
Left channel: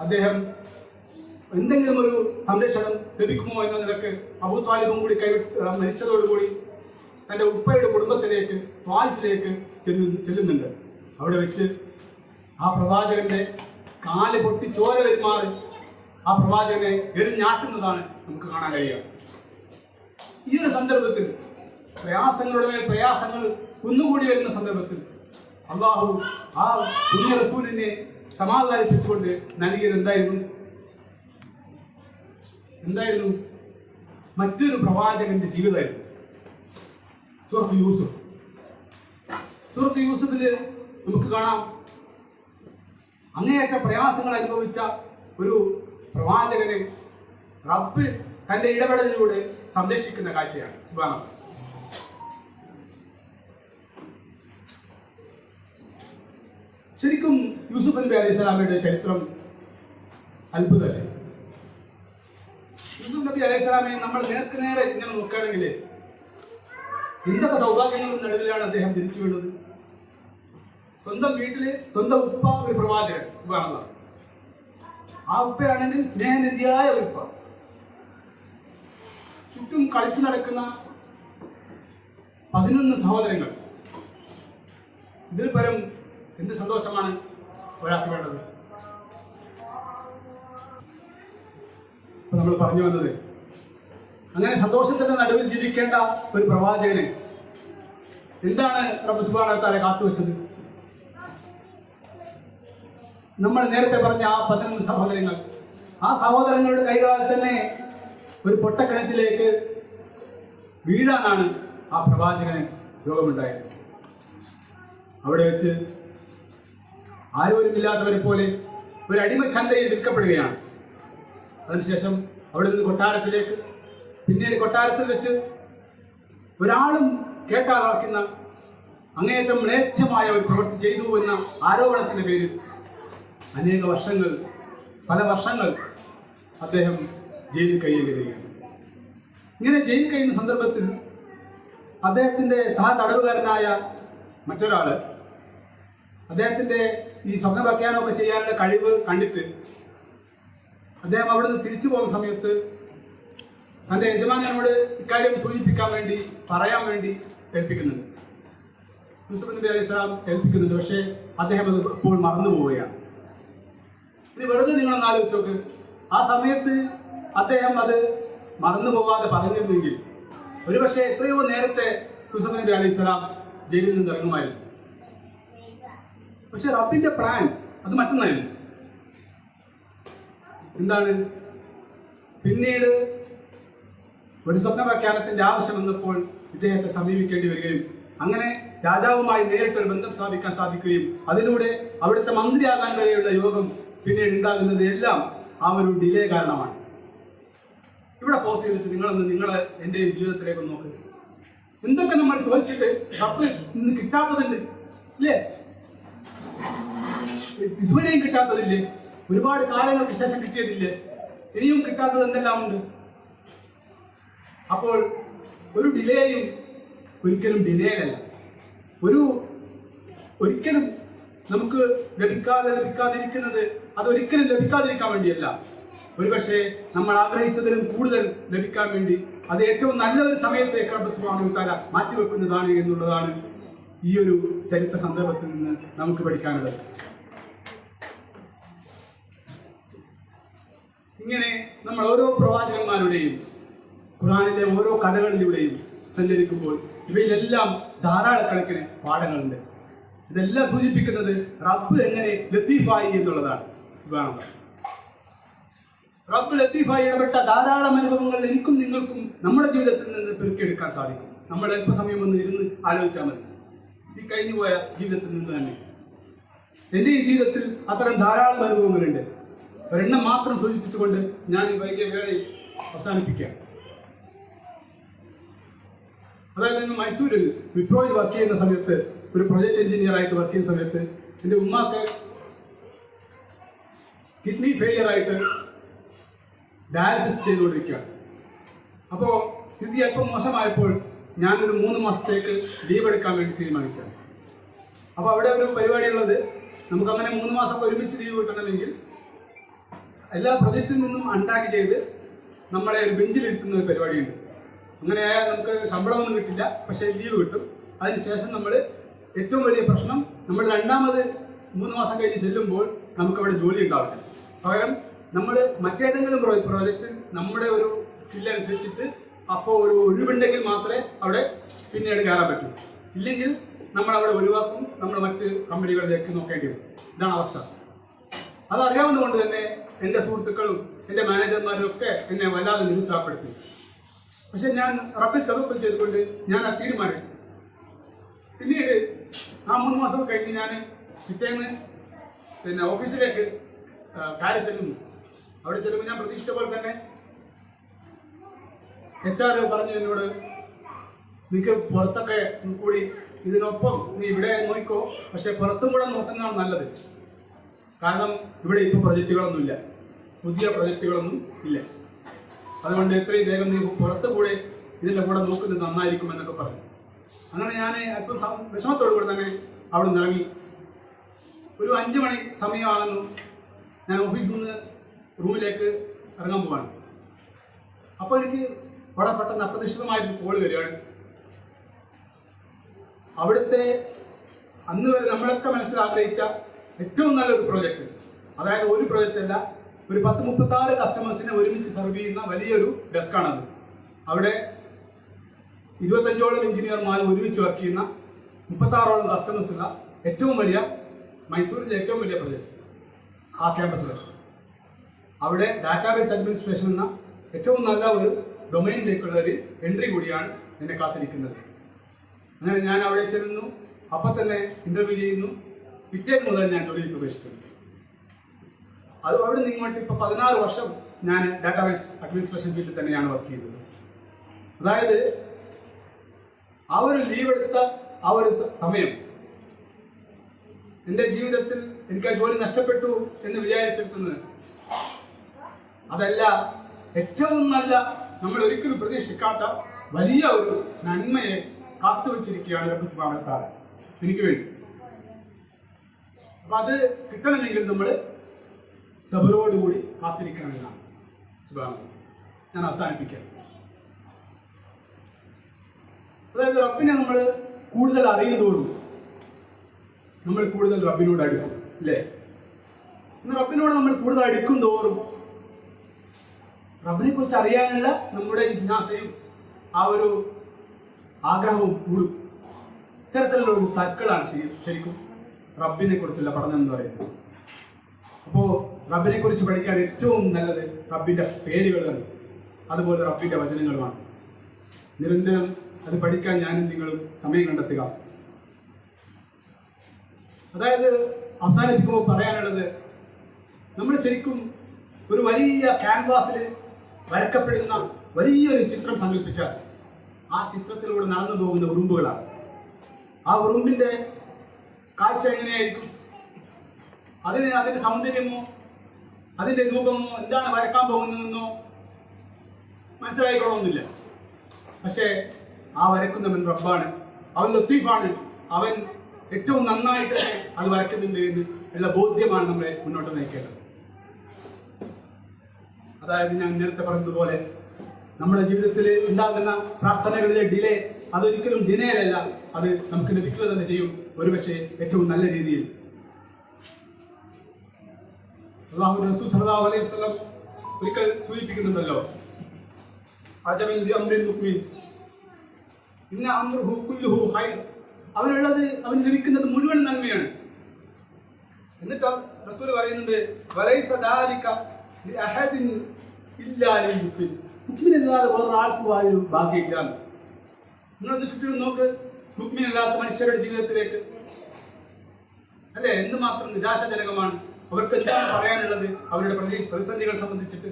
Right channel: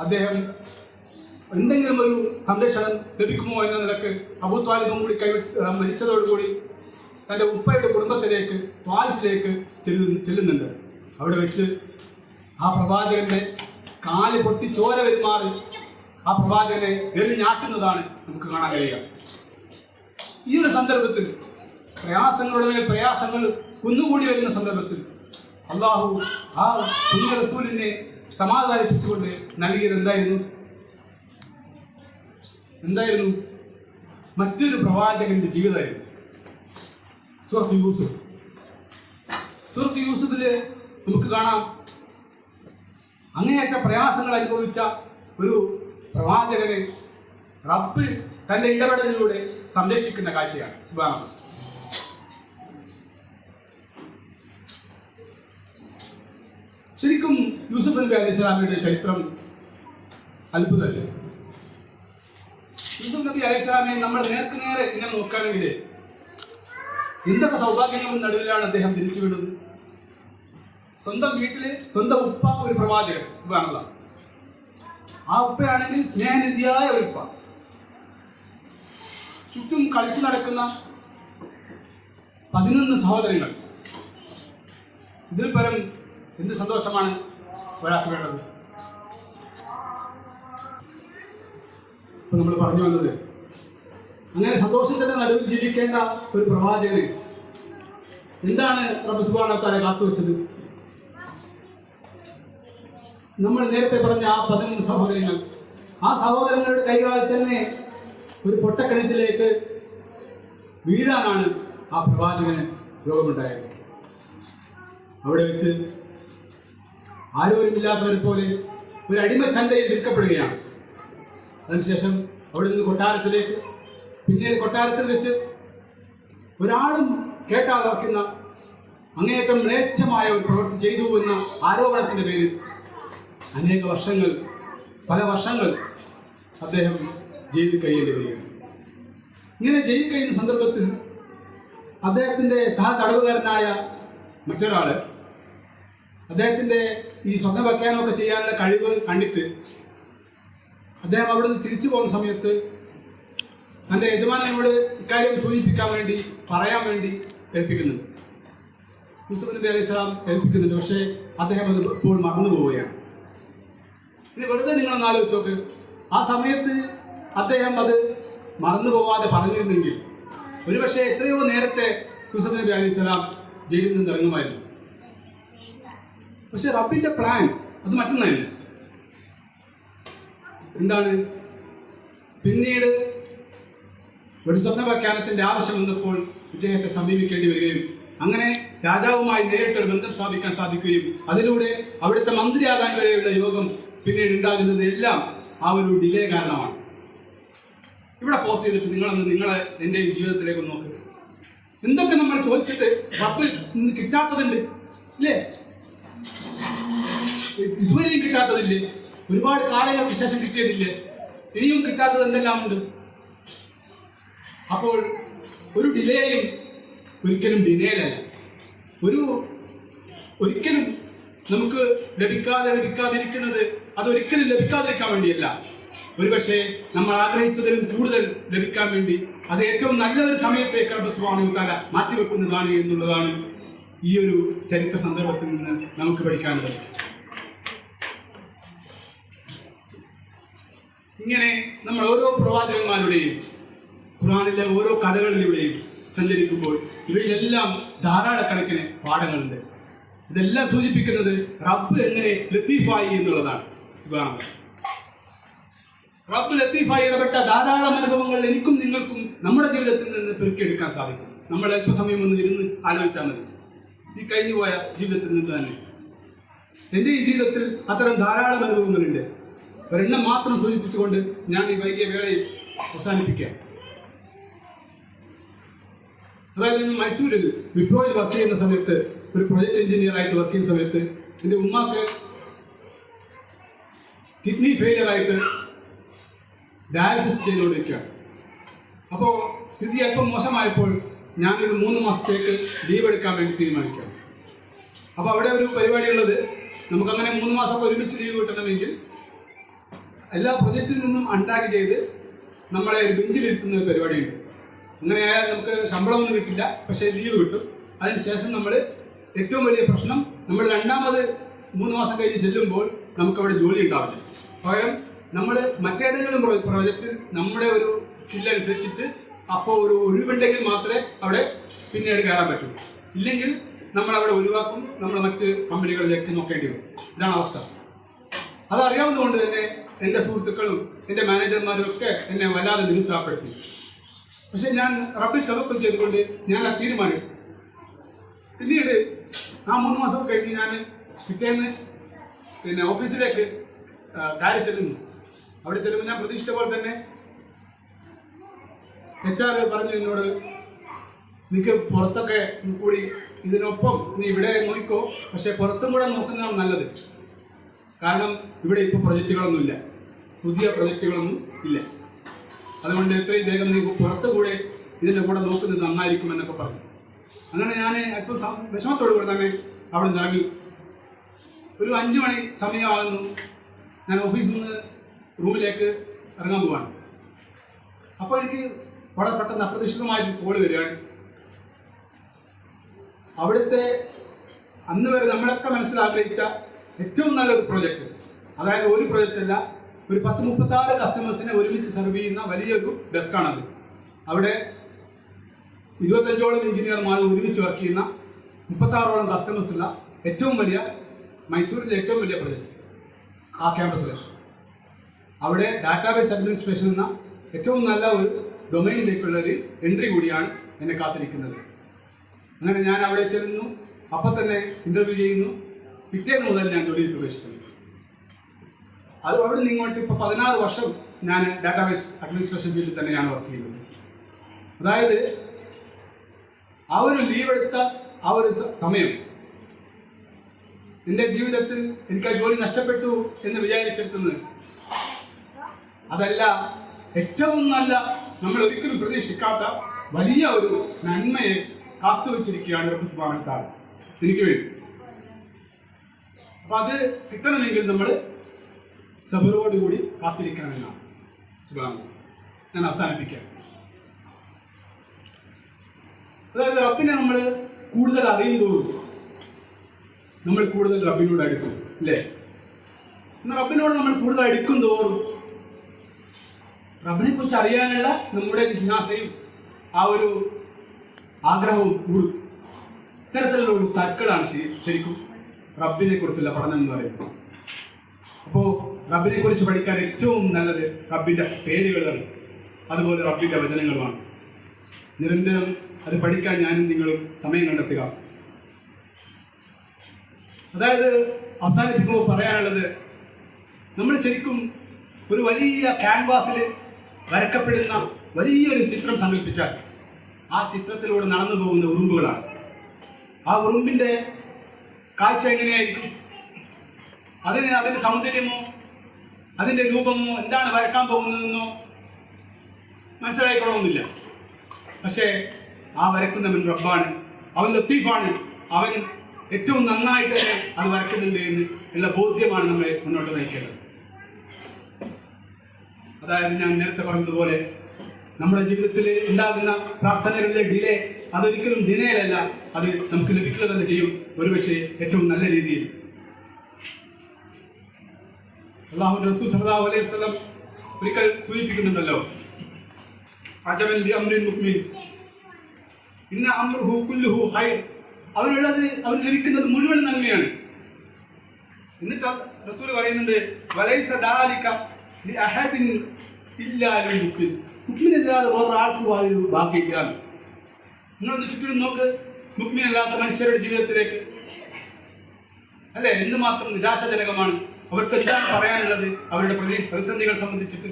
അദ്ദേഹം എന്തെങ്കിലും ഒരു സംരക്ഷണം ലഭിക്കുമോ എന്ന നിലക്ക് അബൂ ത്വാലിബും കൂടി മരിച്ചതോടുകൂടി തൻ്റെ ഉപ്പയുടെ കുടുംബത്തിലേക്ക് ത്വാലിഫിലേക്ക് ചെല്ലുന്നുണ്ട്. അവിടെ വെച്ച് ആ പ്രവാചകന്റെ കാല് പൊട്ടി ചോര വരുമാറി ആ പ്രവാചകനെ എറിഞ്ഞാട്ടുന്നതാണ് നമുക്ക് കാണാൻ കഴിയുക. ഈ ഒരു സന്ദർഭത്തിൽ പ്രയാസങ്ങളുടെ മേൽ പ്രയാസങ്ങൾ കുന്നുകൂടി വരുന്ന സന്ദർഭത്തിൽ അള്ളാഹു ആ പുണ്യ റസൂലിനെ സമാധാനിപ്പിച്ചുകൊണ്ട് നൽകിയത് എന്തായിരുന്നു? മറ്റൊരു പ്രവാചകന്റെ ജീവിതമായിരുന്നു. സൂറത്ത് യൂസുഫില് നമുക്ക് കാണാം അങ്ങേയറ്റ പ്രയാസങ്ങൾ അനുഭവിച്ച ഒരു പ്രവാചകനെ റബ്ബ് തന്റെ ഇടപെടലിലൂടെ സംരക്ഷിക്കുന്ന കാഴ്ചയാണ്. സുബ്ഹാനല്ലാഹ്. ശരിക്കും യൂസുഫ് നബി അലൈഹി സ്വലാമയുടെ ചരിത്രം അത്ഭുതമല്ലേ? യൂസുഫ് നബി അലൈഹി സ്വലാമയെ നമ്മൾ നേർക്കുനേരെ ഇങ്ങനെ നോക്കുകയാണെങ്കിൽ എന്തൊക്കെ സൗഭാഗ്യങ്ങളുടെ നടുവിലാണ് അദ്ദേഹം തിരിച്ചു വീണത്. സ്വന്തം വീട്ടില് സ്വന്തം ഉപ്പ ഒരു പ്രവാചകൻ. സുബ്ഹാനല്ലാഹ്. ആ ഉപ്പയാണെങ്കിൽ സ്നേഹനിധിയായ ഒരു ഉപ്പ. ചുറ്റും കളിച്ചു നടക്കുന്ന 11 സഹോദരങ്ങൾ. ഇതിൽ പരം എന്ത് സന്തോഷമാണ് ഒരാൾക്ക് വേണ്ടത്? നമ്മൾ പറഞ്ഞു വന്നത് അങ്ങനെ സന്തോഷത്തിന്റെ നടുവിൽ ജീവിക്കേണ്ട ഒരു പ്രവാചകന് എന്താണ് റബ്ബ് സുബ്ഹാനഹു വ തആല കാത്തുവെച്ചത്? നമ്മൾ നേരത്തെ പറഞ്ഞ ആ 11 സഹോദരങ്ങൾ, ആ സഹോദരങ്ങളുടെ കൈകളിൽ തന്നെ ഒരു പൊട്ടക്കിണറ്റിലേക്ക് വീഴാനാണ് ആ പ്രവാചകന് രോഗമുണ്ടായത്. അവിടെ വെച്ച് ആരോരുമില്ലാത്തവരെ പോലെ ഒരു അടിമച്ചന്തയിൽ വിൽക്കപ്പെടുകയാണ്. അതിനുശേഷം അവിടെ നിന്ന് കൊട്ടാരത്തിലേക്ക്, പിന്നീട് കൊട്ടാരത്തിൽ വെച്ച് ഒരാളും കേട്ടാതാക്കുന്ന അങ്ങേയറ്റം മ്ലേച്ഛമായ ഒരു പ്രവൃത്തി ചെയ്തു എന്ന ആരോപണത്തിന്റെ പേരിൽ പല വർഷങ്ങൾ അദ്ദേഹം ജയിലിൽ കഴിയേണ്ടി വരികയാണ്. ഇങ്ങനെ ജയിലിൽ കഴിയുന്ന സന്ദർഭത്തിൽ അദ്ദേഹത്തിന്റെ സഹതടവുകാരനായ മറ്റൊരാള് അദ്ദേഹത്തിന്റെ ഈ സ്വപ്ന വ്യാഖ്യാനമൊക്കെ ചെയ്യാനുള്ള കഴിവ് കണ്ടിട്ട് അദ്ദേഹം അവിടെ നിന്ന് തിരിച്ചു പോകുന്ന സമയത്ത് തന്റെ യജമാനനോട് ഇക്കാര്യം സൂചിപ്പിക്കാൻ വേണ്ടി പറയാൻ വേണ്ടി ഏൽപ്പിക്കുന്നുണ്ട്. യൂസുഫ് നബി അലൈഹി സ്വലാം ഏൽപ്പിക്കുന്നുണ്ട്. പക്ഷേ അദ്ദേഹം അത് ഇപ്പോൾ മറന്നു പോവുകയാണ്. ഇനി വെറുതെ നിങ്ങളൊന്ന് ആലോചിച്ച് നോക്ക്, ആ സമയത്ത് അദ്ദേഹം അത് മറന്നു പോവാതെ പറഞ്ഞിരുന്നെങ്കിൽ ഒരുപക്ഷെ എത്രയോ നേരത്തെ യൂസുഫ് നബി അലൈഹി സ്വലാം ജയിലിൽ നിന്ന് ഇറങ്ങുമായിരുന്നു. പക്ഷെ റബ്ബിന്റെ പ്ലാൻ അത് മറ്റൊന്നല്ല. എന്താണ്? പിന്നീട് ഒരു സ്വപ്ന വ്യാഖ്യാനത്തിന്റെ ആവശ്യം വന്നപ്പോൾ ഇദ്ദേഹത്തെ സമീപിക്കേണ്ടി വരികയും അങ്ങനെ രാജാവുമായി നേരിട്ടൊരു ബന്ധം സ്ഥാപിക്കാൻ സാധിക്കുകയും അതിലൂടെ അവിടുത്തെ മന്ത്രിയാകാൻ വരെയുള്ള യോഗം പിന്നീട് ഉണ്ടാകുന്നത് എല്ലാം ആ ഒരു ഡിലേ കാരണമാണ്. ഇവിടെ പോസ് ചെയ്തിട്ട് നിങ്ങളെ എൻ്റെയും ജീവിതത്തിലേക്ക് നോക്ക്. എന്തൊക്കെ നമ്മൾ ചോദിച്ചിട്ട് റബ്ബ് ഇന്ന് കിട്ടാത്തതുണ്ട് ഇല്ലേ? ഇതുവരെയും കിട്ടാത്തതില്ലേ? ഒരുപാട് കാലങ്ങൾക്ക് ശേഷം കിട്ടിയതില്ലേ? ഇനിയും കിട്ടാത്തത് എന്തെല്ലാം ഉണ്ട്. അപ്പോൾ ഒരു ഡിലേയും ഒരിക്കലും ഡിലേയിലല്ല, ഒരിക്കലും നമുക്ക് ലഭിക്കാതിരിക്കുന്നത് അതൊരിക്കലും ലഭിക്കാതിരിക്കാൻ വേണ്ടിയല്ല. ഒരുപക്ഷെ നമ്മൾ ആഗ്രഹിച്ചതിലും കൂടുതൽ ലഭിക്കാൻ വേണ്ടി അത് ഏറ്റവും നല്ലൊരു സമയത്തേക്ക് റബ്ബ് സുബ്ഹാനഹു വ തആല മാറ്റിവെക്കുന്നതാണ് എന്നുള്ളതാണ് ഈ ഒരു ചരിത്ര സന്ദർഭത്തിൽ നിന്ന് നമുക്ക് പഠിക്കാനുള്ളത്. ഇങ്ങനെ നമ്മൾ ഓരോ പ്രവാചകന്മാരുടെയും ഖുർആനിലെ ഓരോ കഥകളിലൂടെയും സഞ്ചരിക്കുമ്പോൾ ഇവയിലെല്ലാം ധാരാളക്കണക്കിന് പാഠങ്ങളുണ്ട്. ഇതെല്ലാം സൂചിപ്പിക്കുന്നത് റബ്ബ് എങ്ങനെ ലത്തീഫായി എന്നുള്ളതാണ്. സുബ്ഹാനല്ലാഹ്. റബ്ബ് ലത്തീഫായി ഇടപെട്ട ധാരാളം അനുഭവങ്ങൾ എനിക്കും നിങ്ങൾക്കും നമ്മുടെ ജീവിതത്തിൽ നിന്ന് പെരുക്കിയെടുക്കാൻ സാധിക്കും. നമ്മൾ അല്പസമയം ഒന്ന് ഇരുന്ന് ആലോചിച്ചാൽ മതി. ഈ കഴിഞ്ഞു പോയ ജീവിതത്തിൽ നിന്ന് തന്നെ എൻ്റെയും ജീവിതത്തിൽ അത്തരം ധാരാളം അനുഭവങ്ങളുണ്ട്. ഒരെണ്ണം മാത്രം സൂചിപ്പിച്ചുകൊണ്ട് ഞാൻ ഈ വൈകിയ വേളയിൽ അവസാനിപ്പിക്കാം. അതായത് ഞാൻ മൈസൂരിൽ വിപ്രോയിൽ വർക്ക് ചെയ്യുന്ന സമയത്ത്, ഒരു പ്രൊജക്ട് എഞ്ചിനീയർ ആയിട്ട് വർക്ക് ചെയ്യുന്ന സമയത്ത് എൻ്റെ ഉമ്മാക്ക് കിഡ്നി ഫെയിലിയർ ആയിട്ട് ഡയാലിസിസ് ചെയ്തുകൊണ്ടിരിക്കുകയാണ്. അപ്പോൾ സ്ഥിതി അല്പം മോശമായപ്പോൾ ഞാനൊരു 3 മാസത്തേക്ക് ലീവ് എടുക്കാൻ വേണ്ടി തീരുമാനിക്കുകയാണ്. അപ്പോൾ അവിടെ ഒരു പരിപാടിയുള്ളത്, നമുക്കങ്ങനെ 3 മാസം ഒരുമിച്ച് ലീവ് കിട്ടണമെങ്കിൽ എല്ലാ പ്രൊജക്റ്റിൽ നിന്നും അൺടാഗ് ചെയ്ത് നമ്മളെ ഒരു ബെഞ്ചിലിരുത്തുന്ന ഒരു പരിപാടിയുണ്ട്. അങ്ങനെ ആയാൽ നമുക്ക് ശമ്പളമൊന്നും കിട്ടില്ല, പക്ഷേ ലീവ് കിട്ടും. അതിനുശേഷം നമ്മൾ ഏറ്റവും വലിയ പ്രശ്നം, നമ്മൾ രണ്ടാമത് 3 മാസം കഴിഞ്ഞ് ചെല്ലുമ്പോൾ നമുക്കവിടെ ജോലി ഉണ്ടാവില്ല. പകരം നമ്മൾ മറ്റേതെങ്കിലും പ്രോജക്റ്റിൽ നമ്മുടെ ഒരു സ്കില്ലനുസരിച്ചിട്ട് അപ്പോൾ ഒരു ഒഴിവുണ്ടെങ്കിൽ മാത്രമേ അവിടെ പിന്നീട് കയറാൻ പറ്റൂ. ഇല്ലെങ്കിൽ നമ്മൾ അവിടെ ഒഴിവാക്കും, നമ്മൾ മറ്റ് കമ്പനികളിലേക്ക് നോക്കേണ്ടി വരും. ഇതാണ് അവസ്ഥ. അതറിയാവുന്നതുകൊണ്ട് തന്നെ എൻ്റെ സുഹൃത്തുക്കളും എൻ്റെ മാനേജർമാരും ഒക്കെ എന്നെ വല്ലാതെ നിരുത്സാഹപ്പെടുത്തി. പക്ഷെ ഞാൻ റബ്ബിൽ തവക്കുൽ ചെയ്തുകൊണ്ട് ഞാൻ ആ തീരുമാനം. പിന്നീട് ആ 3 മാസം കഴിഞ്ഞ് ഞാൻ പിറ്റേന്ന് ഓഫീസിലേക്ക് കയറി ചെല്ലുന്നു. അവിടെ ചെല്ലുമ്പോൾ ഞാൻ പ്രതീക്ഷിച്ച പോലെ തന്നെ HR പറഞ്ഞു എന്നോട്, നിനക്ക് പുറത്തൊക്കെ കൂടി ഇതിനൊപ്പം നീ ഇവിടെ നോക്കിക്കോ, പക്ഷെ പുറത്തും കൂടെ നോക്കുന്നതാണ് നല്ലത്. കാരണം ഇവിടെ ഇപ്പോൾ പ്രൊജക്റ്റുകളൊന്നും ഇല്ല, പുതിയ പ്രൊജക്റ്റുകളൊന്നും ഇല്ല. അതുകൊണ്ട് എത്രയും വേഗം നീ പുറത്ത് കൂടെ ഇതിൻ്റെ കൂടെ നോക്കുന്നത് നന്നായിരിക്കും എന്നൊക്കെ പറഞ്ഞു. അങ്ങനെ ഞാൻ അല്പം വിഷമത്തോടു കൂടെ തന്നെ അവിടെ നിന്ന് ഇറങ്ങി. ഒരു 5 മണി സമയമാകുന്നു. ഞാൻ ഓഫീസിൽ നിന്ന് റൂമിലേക്ക് ഇറങ്ങാൻ പോവാണ്. അപ്പോൾ എനിക്ക് വളരെ പെട്ടെന്ന് അപ്രതീക്ഷിതമായിട്ട് കോള് വരികയാണ്. അവിടുത്തെ അന്ന് വരെ നമ്മളൊക്കെ മനസ്സിലാഗ്രഹിച്ച ഏറ്റവും നല്ലൊരു പ്രോജക്റ്റ്, അതായത് ഒരു പ്രോജക്റ്റ് അല്ല, ഒരു 10-36 കസ്റ്റമേഴ്സിനെ ഒരുമിച്ച് സെർവ് ചെയ്യുന്ന വലിയൊരു ഡെസ്കാണത്. അവിടെ 25ഓളം എഞ്ചിനീയർമാർ ഒരുമിച്ച് വർക്ക് ചെയ്യുന്ന 36ഓളം കസ്റ്റമേഴ്സ് ഉള്ള ഏറ്റവും വലിയ, മൈസൂരിലെ ഏറ്റവും വലിയ പ്രോജക്റ്റ് ആ ക്യാമ്പസിൽ. അവിടെ ഡാറ്റാബേസ് അഡ്മിനിസ്ട്രേഷൻ എന്ന ഏറ്റവും നല്ല ഒരു ഡൊമൈനിലേക്കുള്ള ഒരു എൻട്രി കൂടിയാണ് എന്നെ കാത്തിരിക്കുന്നത്. അങ്ങനെ ഞാൻ അവിടെ ചെല്ലുന്നു. അപ്പം തന്നെ ഇൻ്റർവ്യൂ ചെയ്യുന്നു. പിറ്റേന്ന് മുതൽ ഞാൻ ജോലിയിൽ പ്രവേശിക്കുന്നു. അത് അവിടെ നിന്ന് ഇങ്ങോട്ട് ഇപ്പോൾ 16 വർഷം ഞാൻ ഡാറ്റാബേസ് അഡ്മിനിസ്ട്രേഷൻ ഫീൽഡിൽ തന്നെയാണ് വർക്ക് ചെയ്യുന്നത്. അതായത് ആ ഒരു ലീവ് എടുത്ത ആ ഒരു സമയം എൻ്റെ ജീവിതത്തിൽ എനിക്ക് ആ ജോലി നഷ്ടപ്പെട്ടു എന്ന് വിചാരിച്ചെടുത്തുന്നത് അതല്ല, ഏറ്റവും നല്ല, നമ്മൾ ഒരിക്കലും പ്രതീക്ഷിക്കാത്ത വലിയ ഒരു നന്മയെ കാത്തുവച്ചിരിക്കുകയാണ് റബ്ബ് സുബ്ഹാനഹു വ തആല എനിക്ക് വേണ്ടി. അപ്പൊ അത് കിട്ടണമെങ്കിൽ നമ്മൾ സബറോടുകൂടി കാത്തിരിക്കണമെന്നാണ്. സുബ്ഹാനല്ലാഹ്. ഞാൻ അവസാനിപ്പിക്കാം. അതായത് റബ്ബിനെ നമ്മൾ കൂടുതൽ അറിയുന്നതോടും നമ്മൾ കൂടുതൽ റബ്ബിനോട് അടുക്കും, അല്ലേ? റബ്ബിനോട് നമ്മൾ കൂടുതൽ അടുക്കും തോറും റബ്ബിനെ കുറിച്ച് അറിയാനുള്ള നമ്മുടെ ജിജ്ഞാസയും ആ ഒരു ആഗ്രഹവും കൂടും. ഇത്തരത്തിലുള്ള ഒരു സർക്കിളാണ് ശരിക്കും റബ്ബിനെ കുറിച്ചുള്ള പഠനം എന്ന് പറയുന്നത്. അപ്പോൾ റബ്ബിനെ കുറിച്ച് പഠിക്കാൻ ഏറ്റവും നല്ലത് റബ്ബിന്റെ പേരുകളാണ്, അതുപോലെ റബ്ബിന്റെ വചനങ്ങളുമാണ്. നിരന്തരം അത് പഠിക്കാൻ ഞാനും നിങ്ങളും സമയം കണ്ടെത്തുക. അതായത് അവസാനിപ്പിക്കുമ്പോൾ പറയാനുള്ളത്, നമ്മൾ ശരിക്കും ഒരു വലിയ ക്യാൻവാസിൽ വരക്കപ്പെടുന്ന വലിയൊരു ചിത്രം സങ്കല്പിച്ചാൽ ആ ചിത്രത്തിലൂടെ നടന്നു പോകുന്ന ഉറുമ്പുകളാണ്. ആ ഉറുമ്പിന്റെ കാഴ്ച എങ്ങനെയായിരിക്കും? അതിന്റെ സൗന്ദര്യമോ അതിന്റെ രൂപമോ എന്താണ് വരക്കാൻ പോകുന്നതെന്നോ മനസ്സിലായിക്കൊള്ളുന്നില്ല. പക്ഷേ ആ വരക്കുന്നവൻ റബ്ബാണ്, അവൻ ലത്തീഫാണ്, അവൻ ഏറ്റവും നന്നായിട്ട് തന്നെ അത് വരയ്ക്കുന്നുണ്ട് എന്നുള്ള ബോധ്യമാണ് നമ്മളെ മുന്നോട്ട് നയിക്കേണ്ടത്. അതായത് ഞാൻ നേരത്തെ പറഞ്ഞതുപോലെ നമ്മുടെ ജീവിതത്തിൽ ഉണ്ടാകുന്ന പ്രാർത്ഥനകളിലെ ഡിലേ അതൊരിക്കലും ഡിലേയല്ല, അത് നമുക്ക് ലഭിക്കുക തന്നെ ചെയ്യും, ഒരുപക്ഷെ ഏറ്റവും നല്ല രീതിയിൽ. അല്ലാഹുവിന്റെ റസൂൽ സല്ലല്ലാഹു അലൈഹി വസല്ലം ഒരിക്കൽ സൂചിപ്പിക്കുന്നുണ്ടല്ലോ, അജബൽ ലി അംറിൽ മുഅ്മിൻ ഇന്ന അംറുഹു കുല്ലുഹു ഖൈർ, അവനുള്ളത് അവന് ലഭിക്കുന്നത് മുഴുവൻ നന്മയാണ്. എന്നിട്ട് റസൂൽ പറയുന്നുണ്ട്, വലൈസ ദാലിക ലി അഹദിൻ ഇല്ലാ ലിൽ മുഅ്മിൻ, മുഅ്മിനല്ലാതെ വേറൊരാൾക്കും ആ ഒരു ഭാഗ്യമില്ല. നിങ്ങളൊന്ന് ചുറ്റിനും നോക്ക്, മുഅ്മിനല്ലാത്ത മനുഷ്യരുടെ ജീവിതത്തിലേക്ക് അല്ലെ എന്തുമാത്രം നിരാശാജനകമാണ്. അവർക്ക് എന്താണ് പറയാനുള്ളത് അവരുടെ പ്രതിസന്ധികൾ സംബന്ധിച്ചിട്ട്?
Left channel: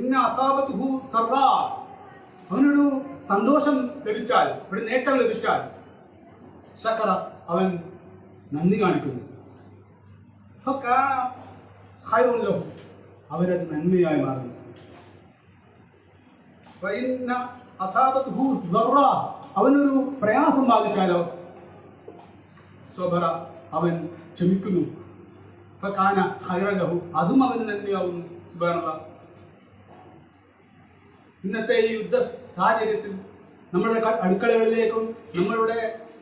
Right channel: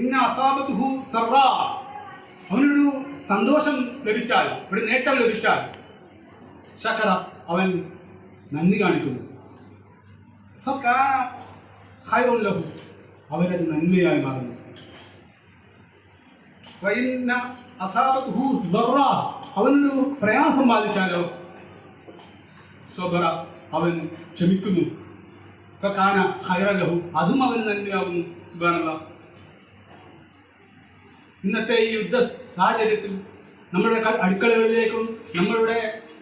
ഇന്ന അസാബത്തുഹു സർറാ, അവനൊരു സന്തോഷം ലഭിച്ചാൽ, ഒരു നേട്ടം ലഭിച്ചാൽ ശകറ, അവൻ നന്ദി കാണിക്കുന്നു. ഫകാന ഖൈറുൻ ലഹു, അവരത് നന്മയായി മാറുന്നു. വഇന്ന അസാബത്തുഹു ദർറാ, അവനൊരു പ്രയാസം ബാധിച്ചാലോ സ്വബറ, അവൻ ക്ഷമിക്കുന്നു. ഫകാന ഖൈറൻ ലഹു, അതും അവന് നന്മയാവുന്നു. സുബ്ഹാനല്ലാഹ്. ഇന്നത്തെ ഈ യുദ്ധ സാഹചര്യത്തിൽ നമ്മുടെ അടുക്കളകളിലേക്കും നമ്മളുടെ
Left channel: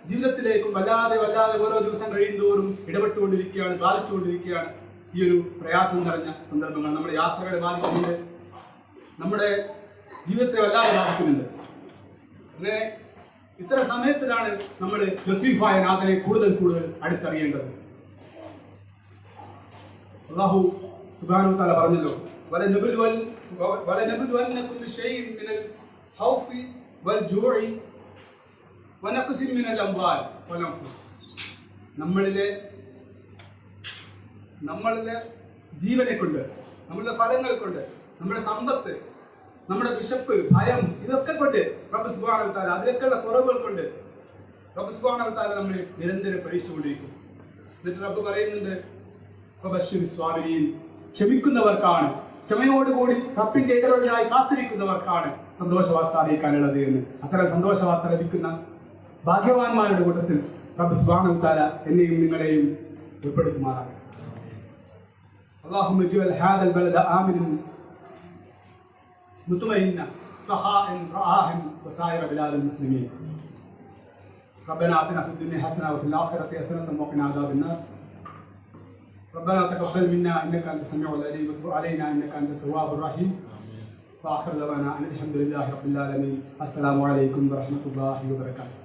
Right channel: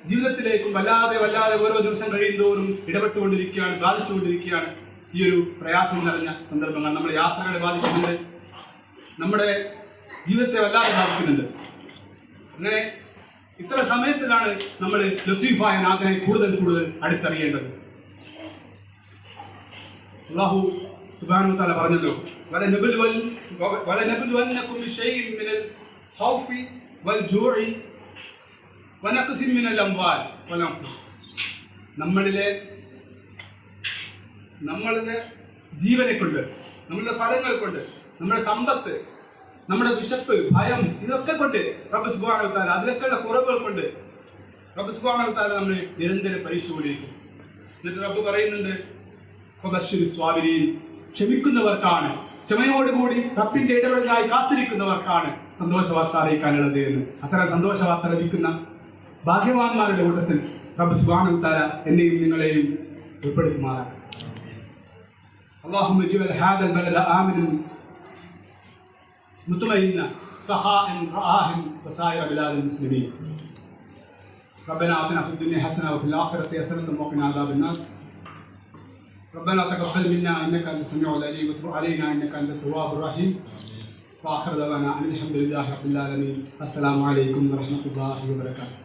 ജീവിതത്തിലേക്കും വല്ലാതെ ഓരോ ദിവസം കഴിയുന്തോറും ഇടപെട്ടുകൊണ്ടിരിക്കുകയാണ്, ബാധിച്ചുകൊണ്ടിരിക്കുകയാണ് ഈ ഒരു പ്രയാസം നിറഞ്ഞ സന്ദർഭങ്ങൾ. നമ്മുടെ യാത്രകളെ ബാധിക്കുന്നുണ്ട്, നമ്മുടെ ജീവിതത്തെ വല്ലാതെ ബാധിക്കുന്നുണ്ട്. അങ്ങനെ ഇത്തരം സമയത്തിലാണ് നമ്മൾ ലത്തീഫായ നാഥനെ കൂടുതൽ അടുത്തറിയേണ്ടത്. അല്ലാഹു സുബ്ഹാനഹു വ തആല പറഞ്ഞല്ലോ, വലനബ്ലുവന്നകും ബിശൈഇൻ മിനൽ ഖൗഫി വൽ ജൂഇ വനഖ്സിൻ മിനൽ അംവാൽ വൽ അൻഫുസ്, നമ്മളുടെ ജീവനെ കൊണ്ട്, നമ്മളുടെ ഫലങ്ങൾ കൊണ്ട്, നമ്മുടെ സമ്പത്ത്, നമ്മുടെ വിശപ്പ്, ഭയം, ഇതൊക്കെ കൊണ്ട് റബ്ബ് സുബ്ഹാനഹു വ തആല, അതിലൊക്കെയുള്ള കുറവുകൾ കൊണ്ട് റബ്ബ് സുബ്ഹാനഹു വ തആല നമ്മളെ നിരന്തരം പരീക്ഷിച്ചുകൊണ്ടിരിക്കും. എന്നിട്ട് റബ്ബ് പറയുന്നുണ്ട്, ഫബശ്ശിരി സ്വാബിരീൻ, ക്ഷമിക്കുന്നവർക്കാണ്, ക്ഷമയോടുകൂടി റബ്ബിന്റെ ഇടപെടലായി കാത്തിരിക്കുന്നവർക്കാണ് സന്തോഷ വാർത്ത അറിയിക്കാനുള്ളത് എന്ന്. അത്തരം സന്തോഷ വാർത്ത ലഭിക്കുന്ന ഭാഗ്യവാന്മാരുടെ കൂട്ടത്തിൽ റബ്ബ് സുബ്ഹാനഹു വ തആല എന്നെയും നിങ്ങളെയും ഉൾപ്പെടുത്തുമാറാകട്ടെ. اللهم اجعل هذا البلد آمنا مطمئنا سخاء رخاء وسائر بلاد المسلمين. ربنا آتنا في الدنيا حسنة وفي الآخرة حسنة وقنا عذاب النار. ربنا تقبل منا إنك أنت السميع العليم وتب علينا إنك أنت التواب الرحيم. وآخر دعوانا أن الحمد لله رب العالمين. السلام عليكم ورحمة الله وبركاته.